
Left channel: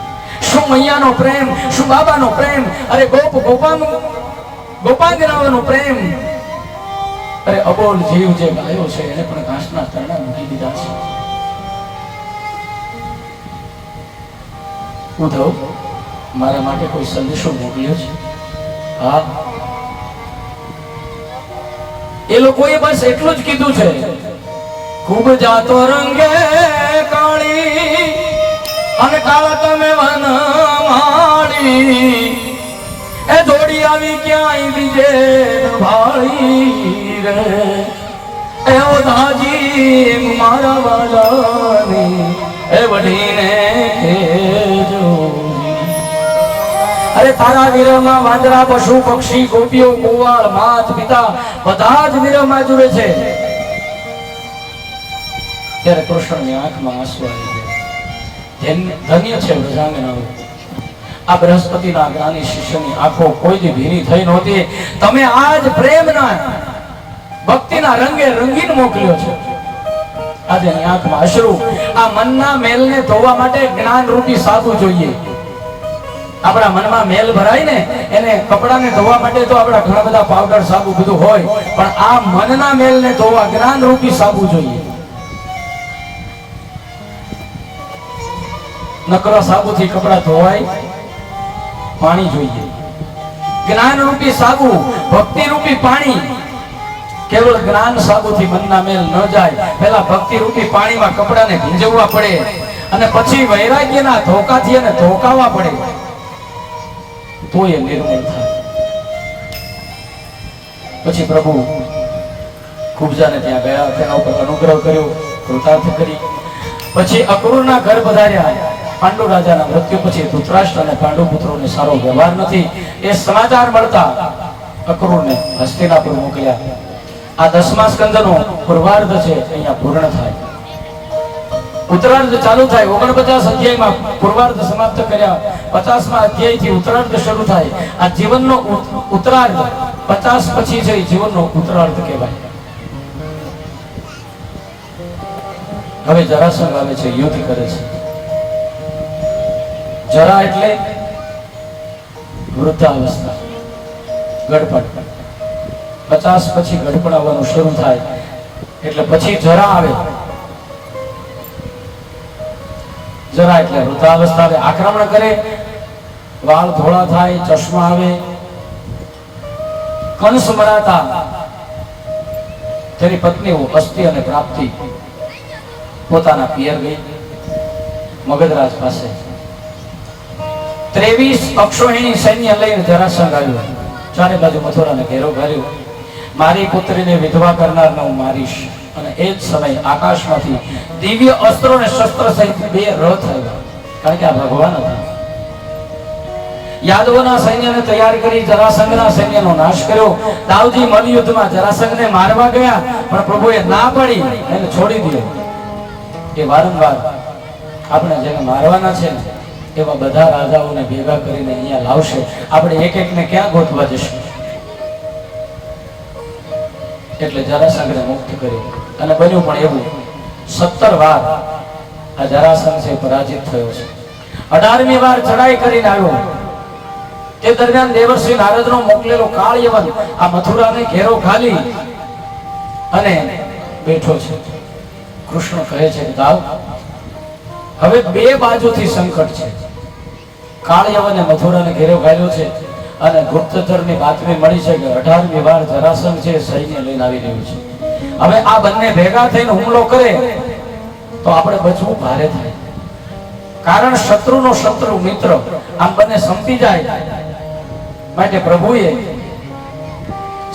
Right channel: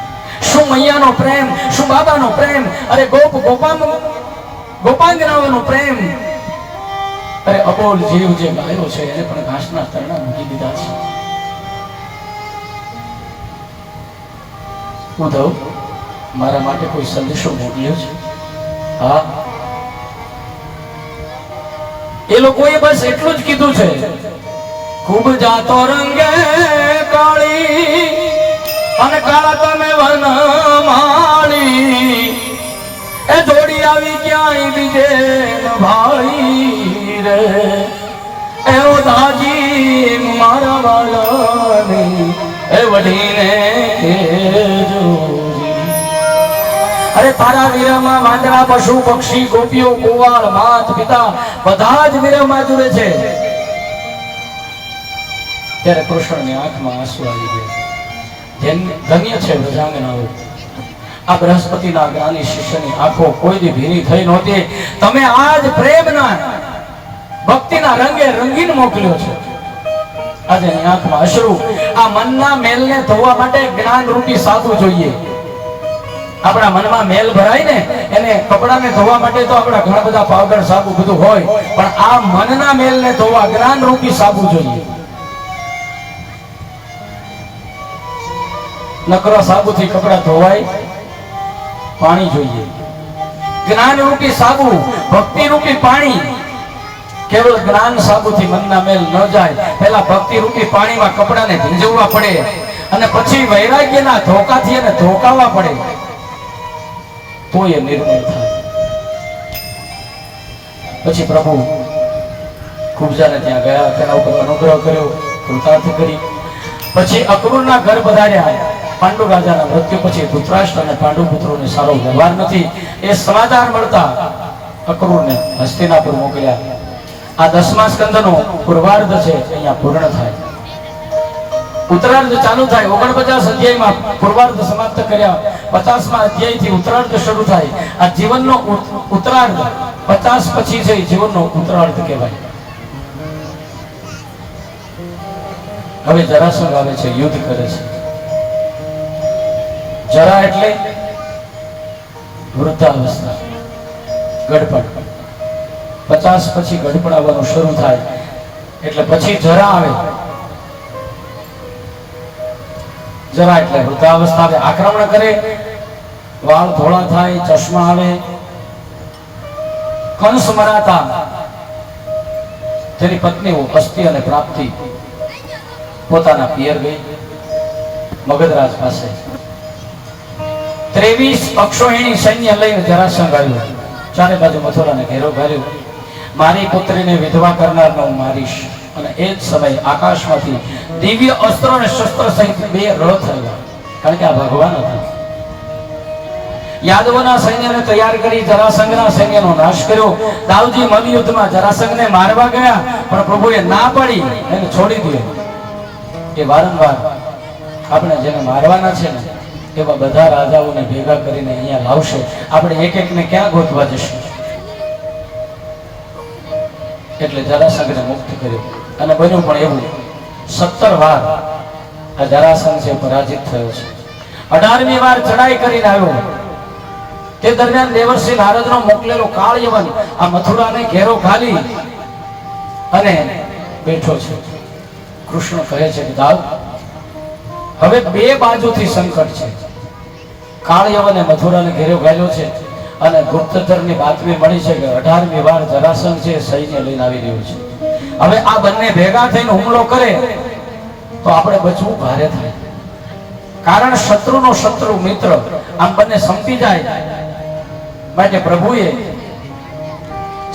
શું મૈયાનો પ્રેમ, શું બાબાનો પ્રેમ, અરે ગોપાંગનાઓનો પ્રેમ. અરે અબોલ જીવ જે ગાયો છે એને પણ ઘાસના તરણા મૂકી દીધા છે. ઉદ્ધવ મારા માટે કોઈ સંદેશો મોકલ્યો છે? હા, એ લોકોએ બસ એટલું જ કીધું છે, ખૂબ જાતો રંગે કાળી અને કાળા તમે વન માળી. એ જોડી આવી ક્યાંય બીજે ન ભાળી રે એવો દાજી મારા વાલાની એ વઢીને કહેજો. અરે તારા વિરહમાં વાંદરા પશુ પક્ષી ગોપીઓ ગોવાળ માત પિતા બધા જ વિરહમાં જુએ છે. ત્યારે કૃષ્ણની આંખમાં આંસુ આવી ગયા. ધન્ય છે ગજાનન. આ બૃહસ્પતિના જ્ઞાની શિષ્યની આંખો કોઈ દી ભીની થઈ નહોતી. તમે આજ પ્રેમના ભક્તિના રંગે રંગીન મોકલ્યો છે. આજે એની આંખમાં અશ્રુ. આ મનના મેલને ધોવા માટે જ્ઞાન રૂપી સાબુ જોઈએ. આપણા મનમાં મેલ ભરાય ને એને કપડાને ધોવા માટે તો આપણા ઘણા બધા પાવડર સાબુ બધું હોય, પણ આ મનના મેલને ધોવા જ્ઞાન રૂપી સાબુ જોઈએ. નકરો સાબુથી કપડા ધોવાય? પાણી જોઈએ. જ્ઞાન રૂપી સાબુ, ભક્તિ રૂપી પાણી. કેવળ જ્ઞાન સાબુથી મનના મેલ ન જાય. પહેલા ભક્તિ રૂપી પાણીમાં કપડાને ભીંજવવા પડે અને પછી વૈરાગ્યના ધોકાથી એને ધોકાવવા પડે, તો એ નિર્મળ થાય. પછી પ્રભુ કુબજાને ત્યાં ગયા, તેના ઉપર અનુગ્રહ કર્યો, કૃતાર્થ કરી. પછી અક્રૂરના ઘર પધાર્યા. પાંડુ રાજાના મૃત્યુ પછી ધૃતરાષ્ટ્ર અને પાંડુ પુત્રોને સારો વ્યવહાર નથી એ સમાચાર મળતા અક્રૂરને હસ્તિનાપુર મોકલ્યા. આ 10મા સ્કંદનો પૂર્વાર્ધ છે, અહીંયા પૂર્ણ થાય. ઉત્તરાર્ધ ચાલુ થાય. 49 અધ્યાયમાં પૂર્વાર્ધ સમાપ્ત કર્યા. 50મા અધ્યાયથી ઉત્તરાર્ધ શરૂ થાય. આ જીવનનો ઉત્તરાર્ધ 50 પછી છે, જીવનનો ઉત્તરાર્ધ કહેવાય. હવે જરાસંઘ આવે છે, યુદ્ધ કરે છે. જરા એટલે વૃદ્ધાવસ્થા, ગડપડ. 50 પછી ગડપડ આવવાનું શરૂ થાય એટલે પછી જરા આવે. જરા એટલે વૃદ્ધાવસ્થા આવે. આક્રમણ કરે, વાળ ધોળા થાય, ચશ્મા આવે. કંસ મરાતા તેની પત્નીઓ અસ્તિ અને પ્રાપ્તિ પોતાના પિયર ગઈ મગધરાજ પાસે. 23 અક્ષોહિણી સૈન્ય લઈને જરાસંઘ આવ્યો. ચારે બાજુ મથુરાને ઘેરો ઘાર્યો. મારી પુત્રીને વિધવા કરનારને હું મારીશ. અને એ જ સમયે આકાશમાંથી દિવ્ય અસ્ત્રો અને શસ્ત્ર સહિત 2 રથ આવ્યા, કારણ કે આ ભગવાન હતા. યાદવોના સૈન્યને તૈયાર કરી જરાસંઘના સૈન્યનો નાશ કર્યો. દાઉજી મલ્લયુદ્ધમાં જરાસંઘને મારવા ગયા, પણ પ્રભુએ ના પાડી, એને છોડી દીધો. એ વારંવાર આપણે જેને મારવાના છે ને એવા બધા રાજાઓને ભેગા કરીને અહીંયા લાવશે. આપણે એક એકને ક્યાં ગોતવા જશું? એટલે જરાસંઘને મુક્ત કર્યો. અને બન્યું પણ એવું 17 વાર આ જરાસંઘ છે પરાજિત થયો છે. 18મી વાર ચડાઈ કરીને આવ્યો. તે દરમિયાન દેવર્ષિ નારદનો મોકલેલો કાળયવન આ મથુરાને ઘેરો ઘાલી અને બેઠો છે. કૃષ્ણ કહે છે કે દાવ, હવે 2 બાજુથી સંકટ છે. કાળયવને મથુરાને ઘેરો ઘાલ્યો છે અને ગુપ્તચરની બાતમી મળી છે કે 18મી વાર જરાસંઘ છે સૈન્ય લઈને આવી રહ્યું છે. હવે આ બંને ભેગા થઈને હુમલો કરે તો આપણે બચવું ભારે થાય. કારણ શત્રુનો શત્રુ મિત્ર, આમ બંને સંપી જાય. માટે પ્રભુએ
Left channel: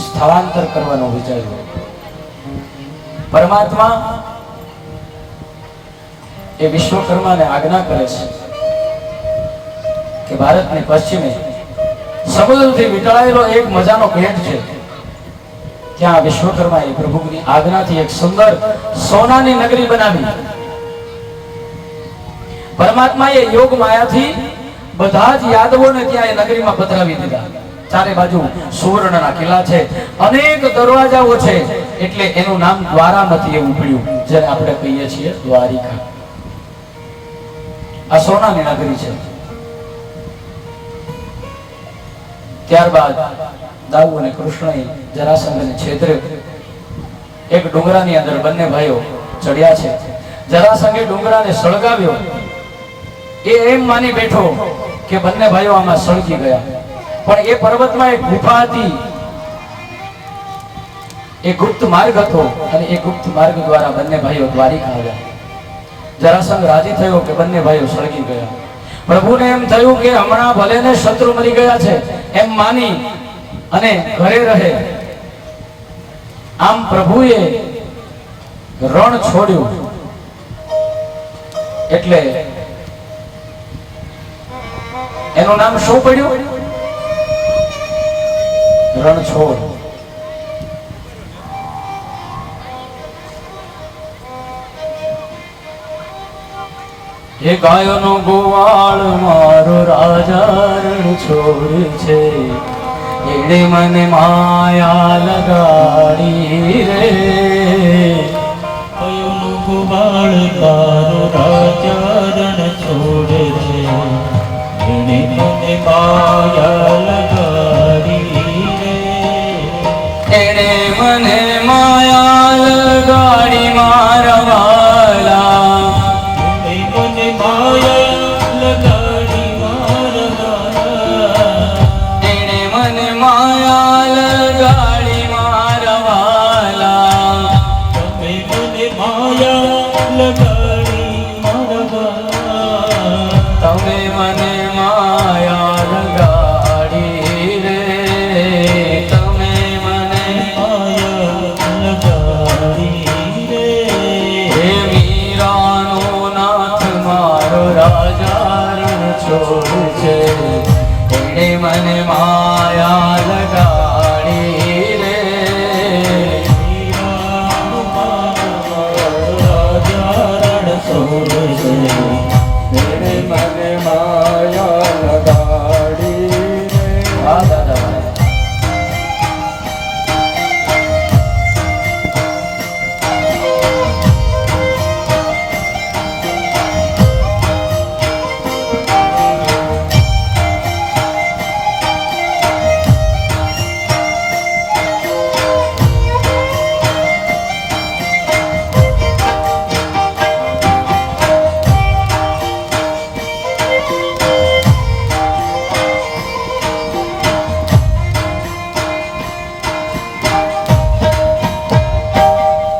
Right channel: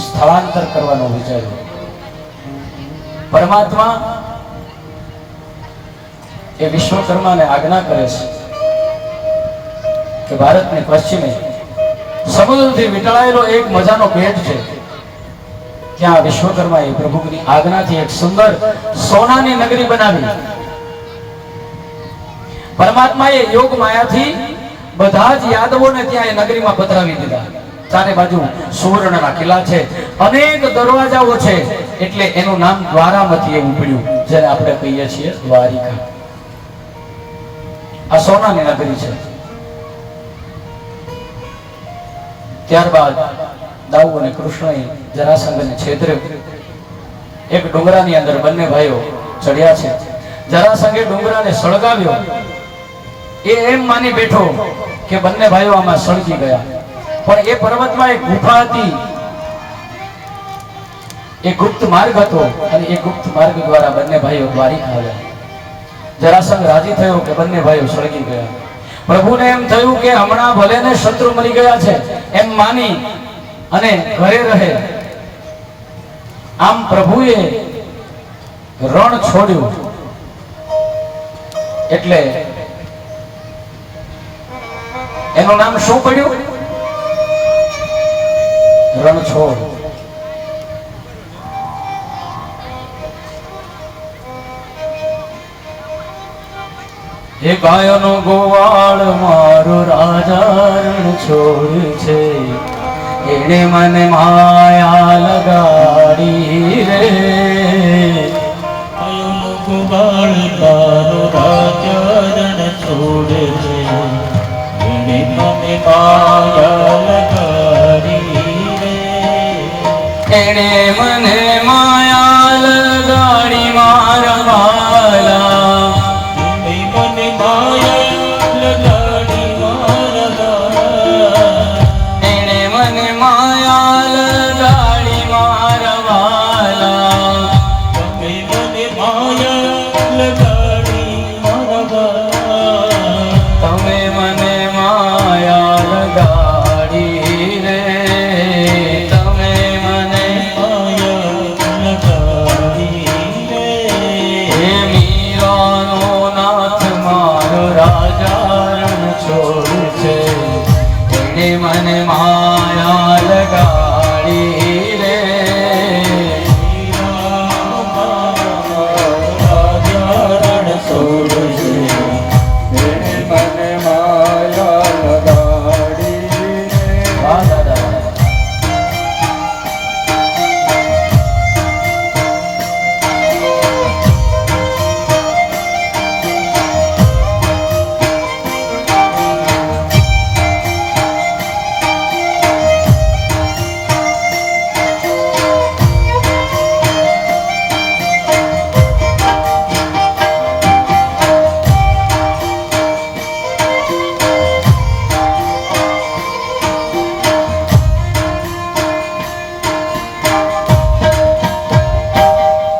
સ્થળાંતર કરવાનું વિચાર્યું. પરમાત્મા એ વિશ્વકર્માને આજ્ઞા કરે છે કે ભારતની પશ્ચિમે સમુદ્રથી વીંટળાયેલો એક મજાનો બેટ છે, ત્યાં વિશ્વકર્માએ પ્રભુની આજ્ઞાથી એક સુંદર સોનાની નગરી બનાવી. પરમાત્માએ યોગ માયાથી બધા જ યાદવોને ત્યાં એ નગરીમાં પધરાવી દીધા. ચારે બાજુ સુવર્ણના કિલ્લા છે, અનેક દરવાજાઓ છે, એટલે એનું નામ દ્વારામતી એવું પડ્યું, જેને આપણે કહીએ છીએ દ્વારિકા. આ સોનાની નગરી છે. ત્યારબાદ દાઉ અને કૃષ્ણએ જરાસંઘને છેતર્યો. એક ડુંગરાની અંદર બંને ભાઈઓ ચડ્યા છે. જરાસંઘે ડુંગરાને સળગાવ્યો. એ એમ માની બેઠો કે બંને ભાઈઓ આમાં સળગી ગયા, પણ એ પર્વતમાં એક ગુફા હતી, એ ગુપ્ત માર્ગ હતો અને એ ગુપ્ત માર્ગ દ્વારા બંને ભાઈઓ દ્વારિકા આવ્યા. જરાસંઘ રાજી થયો કે બંને ભાઈઓ સળગી ગયા. પ્રભુને એમ થયું કે હમણાં ભલે ને શત્રુ મરી ગયા છે એમ માની અને ઘરે રહે. આમ પ્રભુએ રણ છોડ્યું એટલે એનું નામ શું પડ્યું? રણછોડ. એ ગાયનો ગોવાળ મારો રાજા રણછોડ છે, એને મને માયા લગાડી રે. ગોવાળ તારો રાજા રણછોડ છે, એને મને માયા લગાડી રે. એને મને માયા લગાડી મારા વાલા, એને મને માયા લગાડી મારા વાલા. એને મને માયા લગાડી મારા વાલા. તમે મને માયા લગાડી મારા વાલા. તમે મને માયા લગાડી રે. તમે મને માયા લગાડી રે. હે મીરાનો નાથ મારો રાજા રણછોડ છે, એને મને માયા લગાડી રે. વાહ દાદા વાહ.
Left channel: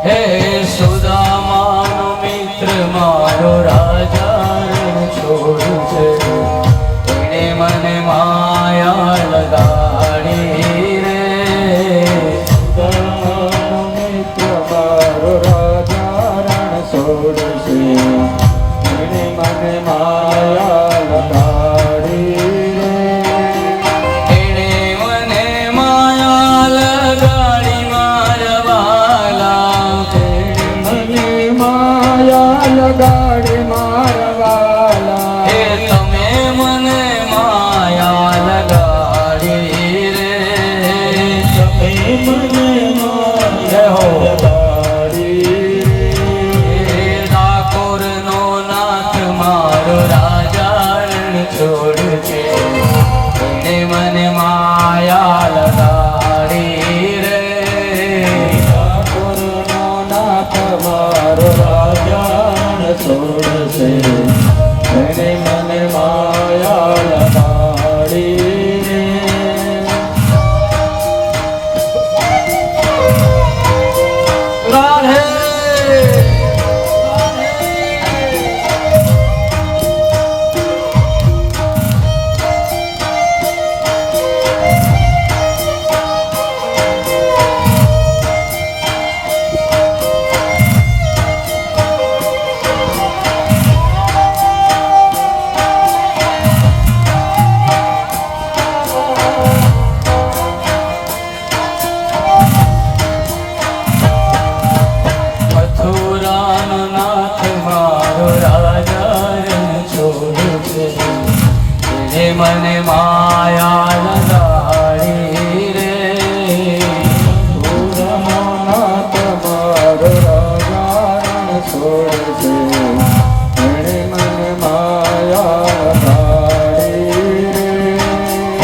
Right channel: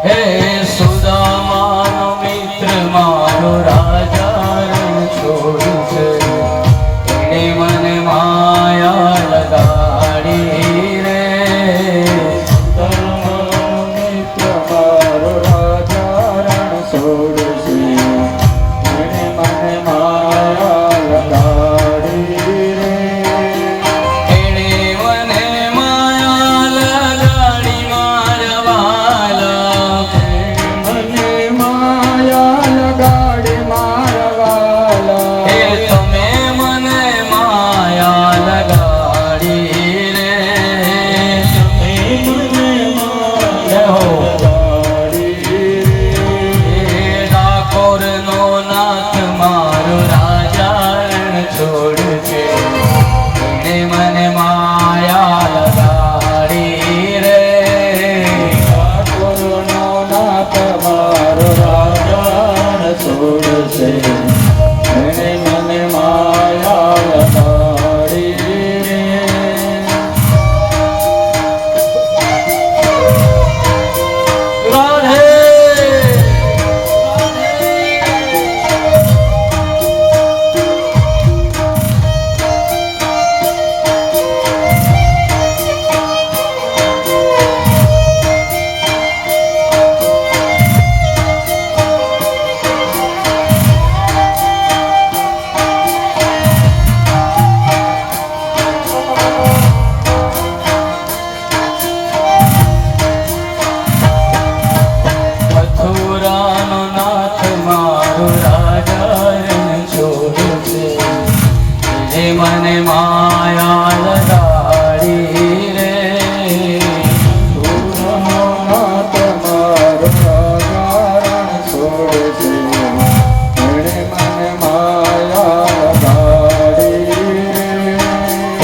હે સુદામાનો મિત્ર મારો રાજા રણછોડ છે, એને મને માયા લગાડી રે. સુદામાનો મિત્ર મારો રાજા રણછોડ છે, એને મને માયા લગાડી રે. એને મને માયા લગાડી મારા વાલા. મને માયા લગાડી મારા વાલા. હે તમે મને માયા લગાડી રે. તમે મને જય હો. લગાડી રે. હે ડાકોરનો નાથ મારો રાજા રણછોડ છે, એને મને માયા લગાડી રે. ઠાકોરનો નાથ મારો રાજા રણછોડ છે, એને મને માયા લગાડી રે. રાધે મથુરાનો નાથ મારો રાજા રણછોડ છે, જે મને માયા લગાડી રે. નાથ મારો રાજા રણછોડ છે, એને મને માયા લગાડી રે.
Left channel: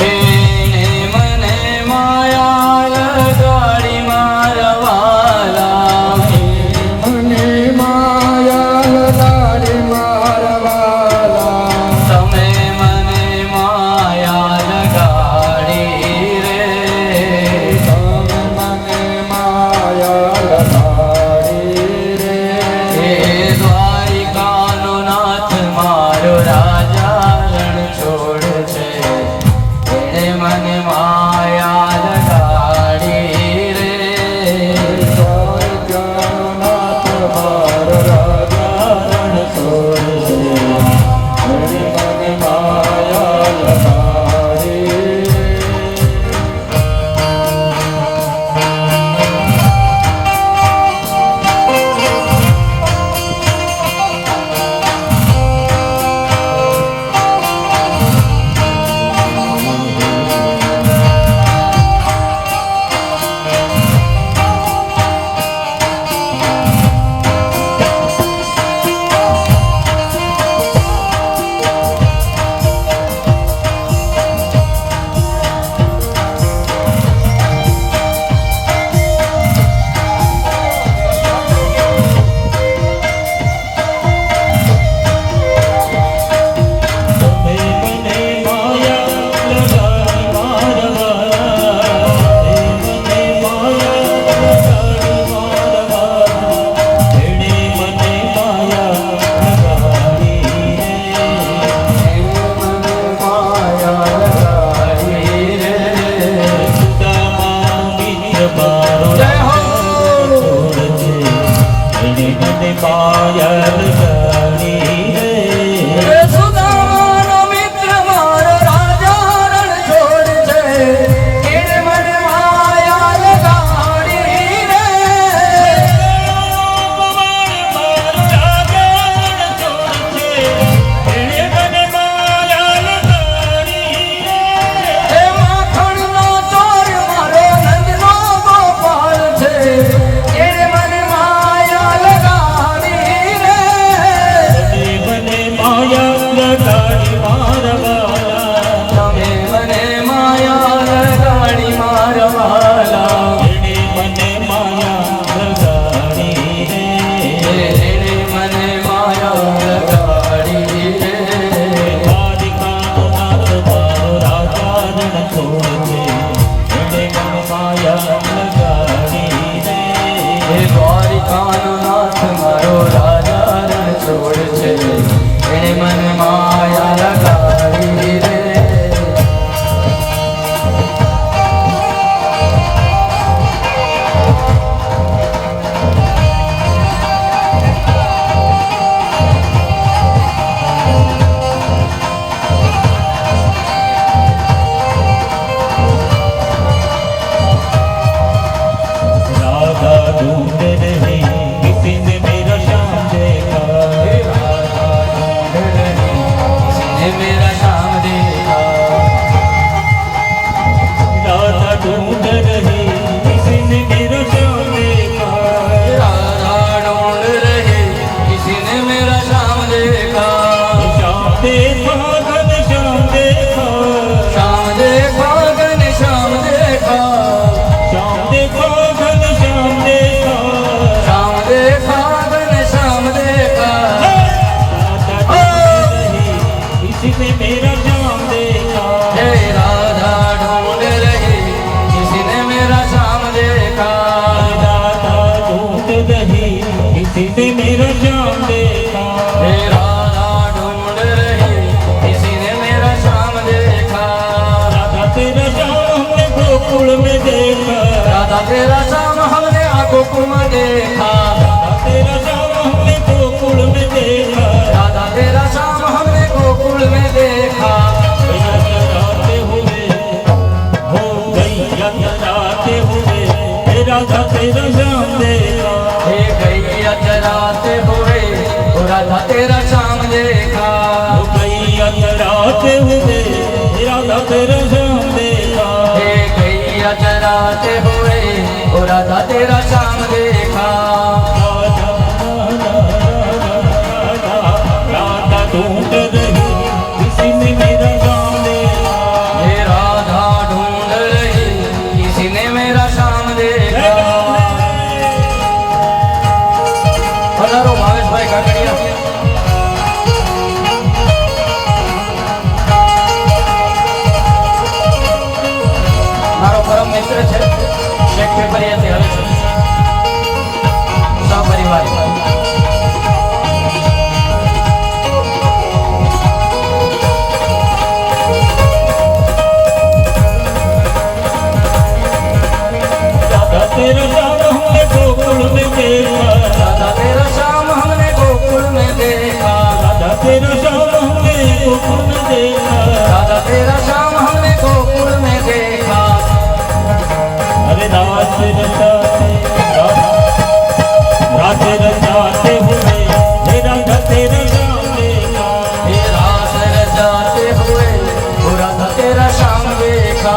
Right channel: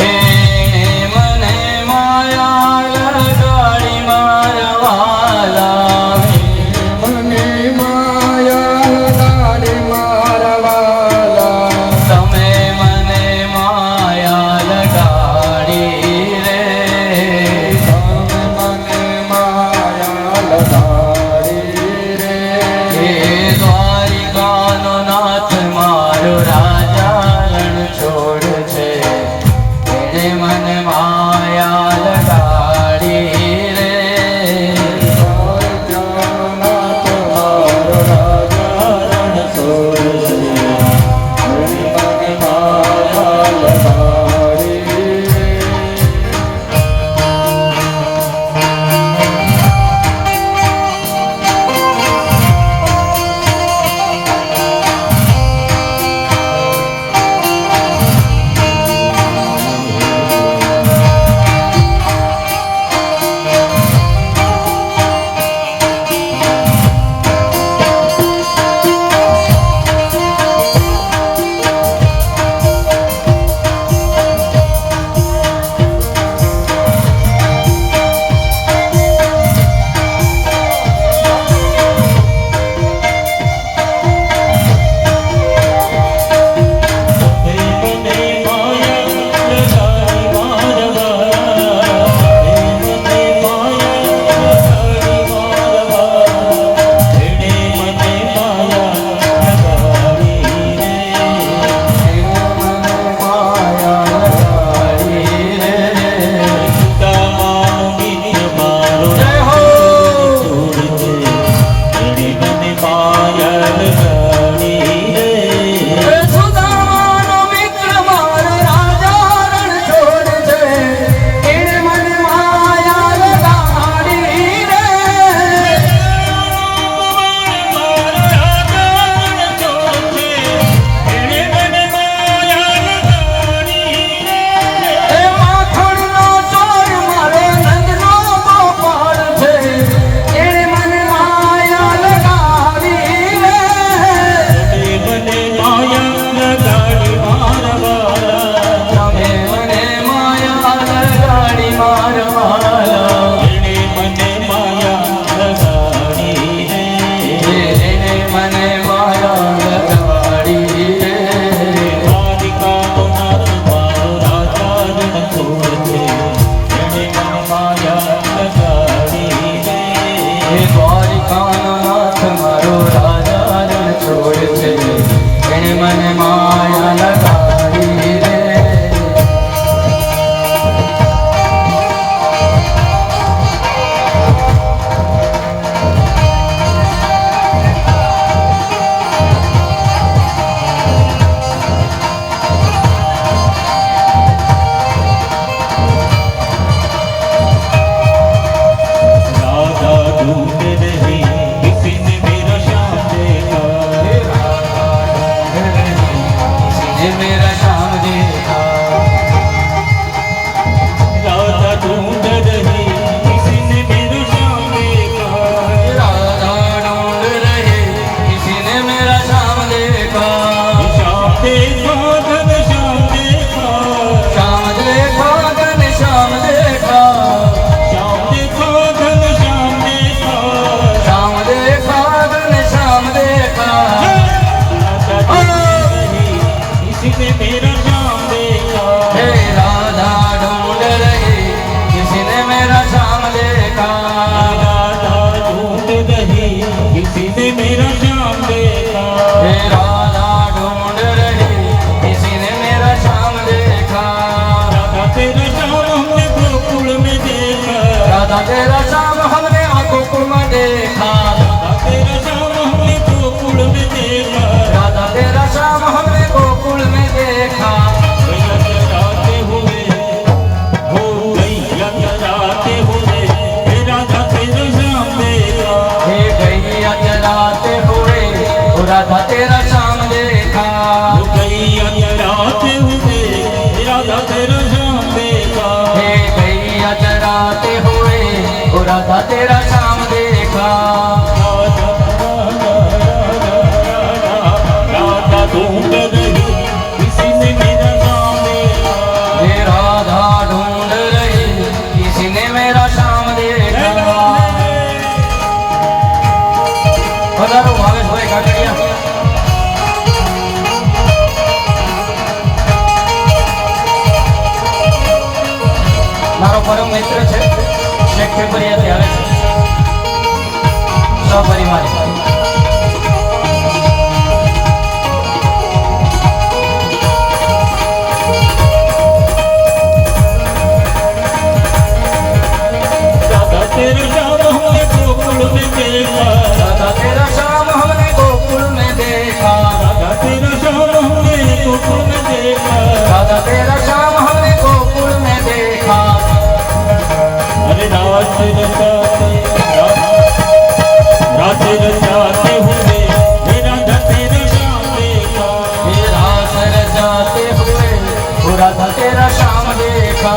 એને મને માયા લગાડી મારા વાલા. મને માયા લગાડી મારા વાલા. તમે મને માયા લગાડી રે. તમે મને માયા લગાડી રે. હે દ્વારિકાનો નાથ મારો गोकुल में देखा, तेरा श्याम हमने गोकुल में देखा, राधा तेरा श्याम हमने गोकुल में देखा। जाते हुए हो गैया चराते हुए राधा तेरा श्याम देखा, हे गैया चराते हुए राधा तेरा श्याम देखा। गैया चराते हुए राधा तेरा श्याम देखा, हे गैया चराते हुए राधा तेरा श्याम देखा। राधा ढूंढ रही किसी ने मेरा श्याम देखा, हे राधा ढूंढ रही किसी ने मेरा श्याम देखा। पधारो भावेश भाई काकड़िया। મારો પરમ મિત્ર છે શેખે પરિયાથી આવે છે સપરિવાર। राधा तेरा श्याम हमने गोकुल में देखा, राधा तेरा श्याम हमने गोकुल में देखा, राधा तेरा श्याम हमने गोकुल में देखा, राधा तेरा श्याम हमने गोकुल में देखा। अरे दास रचाते राधे रचाते हुए राधा तेरा श्याम देखा, हे रास रचाते हुए राधा तेरा श्याम देखा।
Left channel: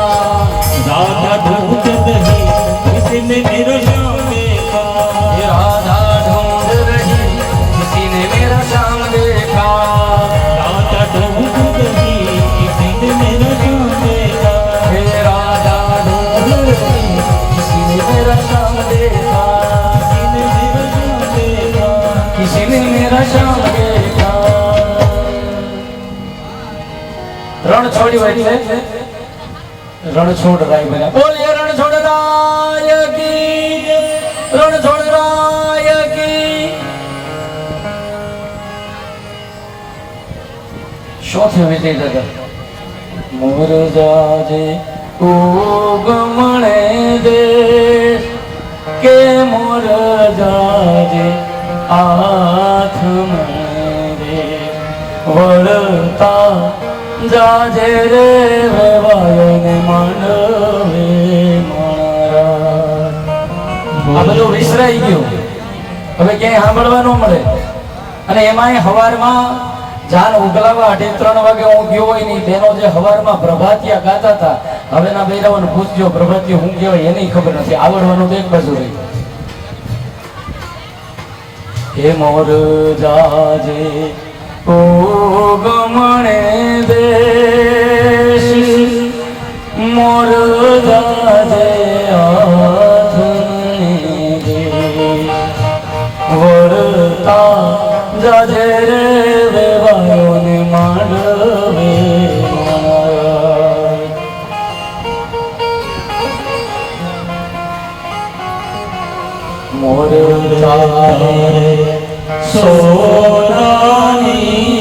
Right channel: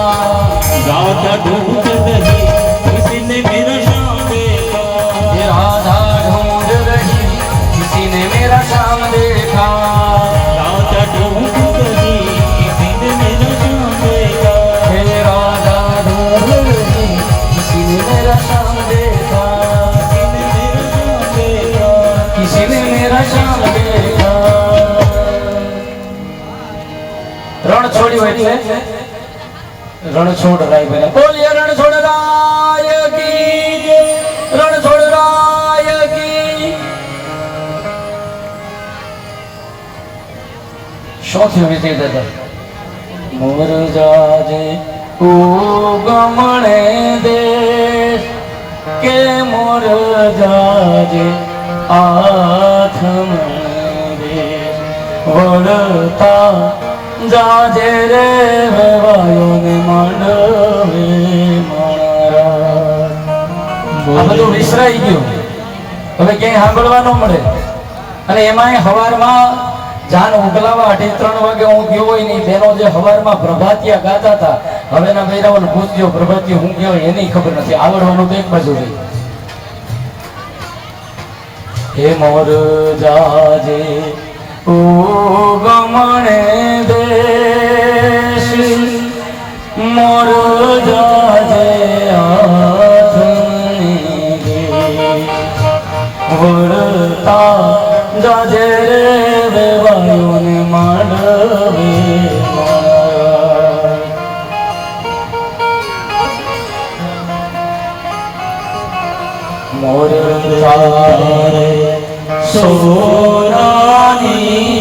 राधा ढूंढ रही किसी ने मेरा श्याम देखा, हे राधा ढूंढ रही किसी ने मेरा श्याम देखा। राधा ढूंढ रही किसी ने मेरा श्याम देखा, हे राधा ढूंढ रही किसी ने मेरा श्याम देखा। किसी ने मेरा श्याम देखा, किसी ने मेरा श्याम देखा। रण छोड़ी हुई है रण छोड़ राय बने बोलिए रण छोड़ राय की जय, रण छोड़ राय की। શું થયું વિજય દાદા? મોર જાજે ઉગમણે દેશ કે મોર જાજે આથમણે દેશ વળતા જાજે રે ભવાયોને માંડવે મારા। આ બધું વિસરાઈ ગયું, હવે ક્યાંય સાંભળવા ન મળે। અને એમાંય હવારમાં જાન ઉગલાવા 2:30 વાગે હું ગયો હોય નહીં, બેનો જે હવારમાં પ્રભાતિયા ગાતા હતા, હવેના બૈરાઓને પૂછજો પ્રભાતિયા હું કહેવાય એની ખબર નથી, આવડવાનું તો એક બાજુ રહી। હે મોર જાજે ઉગમણે દેશ, મોર જાજે આથમણી દેશ વળતા જાજે રે વેવાયોને માંડવે મારા। મોર જાજે સોનાની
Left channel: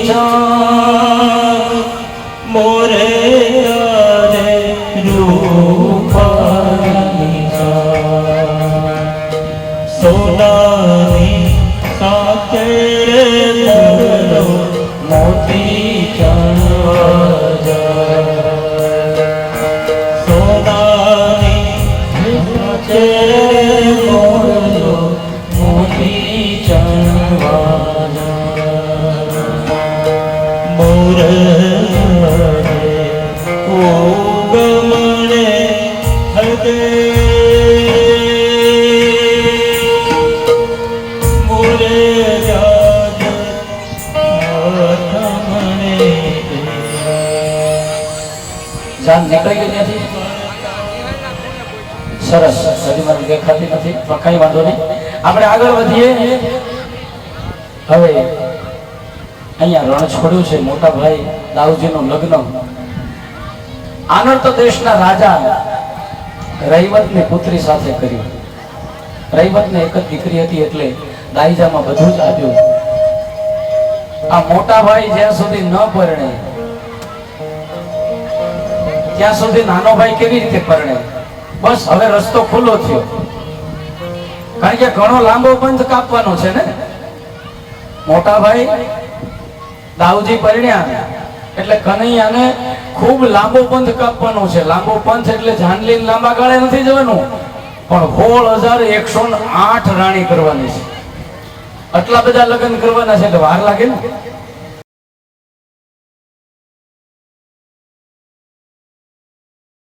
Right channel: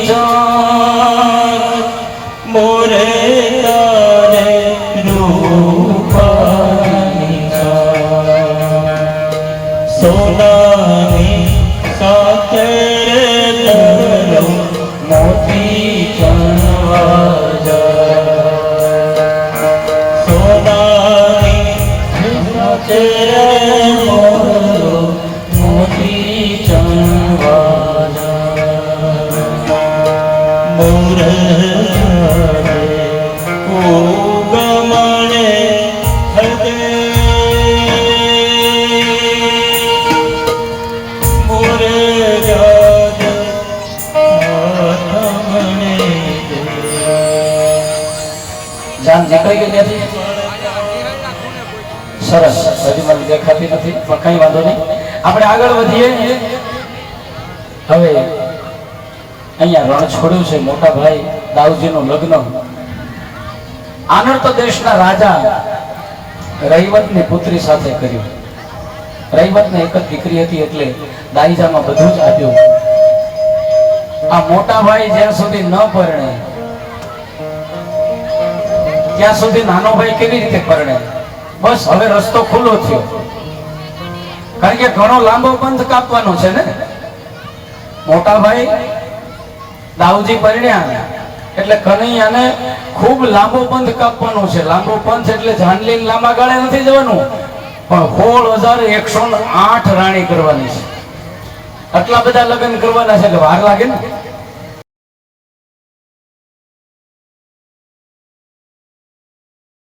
જાન મોરે રે રૂપાની જાન, સોનાની સાથે મોરલો મોતી ચણવા જાય, સોનાની સાથે મોરલો મોતી ચણવા જાય। મોર રે ઉગમણે હદે, મોરે યાદ આથમણે દે। જાન નીકળી ગઈ ત્યાંથી? સરસ, હજી મને દેખાતી નથી પણ કઈ વાંધો નહીં, આપણે આગળ વધીએ। હવે અહીંયા રણ છોડ્યું છે મોટા ભાઈ દાઉદજીનું લગ્ન આનર્ત દેશના રાજા રૈવતની પુત્રી સાથે કર્યું। રૈવતને એક જ દીકરી હતી એટલે દાઈજામાં બધું જ આપ્યું। આ મોટા ભાઈ જ્યાં સુધી ન પરણે ત્યાં સુધી નાનો ભાઈ કેવી રીતે પરણે? બસ હવે રસ્તો ખુલ્લો થયો। કારણ કે ઘણો લાંબો પંથ કાપવાનો છે ને. મોટા ભાઈ દાઉજી પરિણ્યા એટલે કનૈયાને ખૂબ લાંબો પંથ કાપવાનો છે. લાંબો પંથ એટલે જાનલી લાંબા ગાળે નથી જવાનું, પણ 16,108 રાણી કરવાની છે. આટલા બધા લગ્ન કરવાના છે એટલે વાર લાગે ને.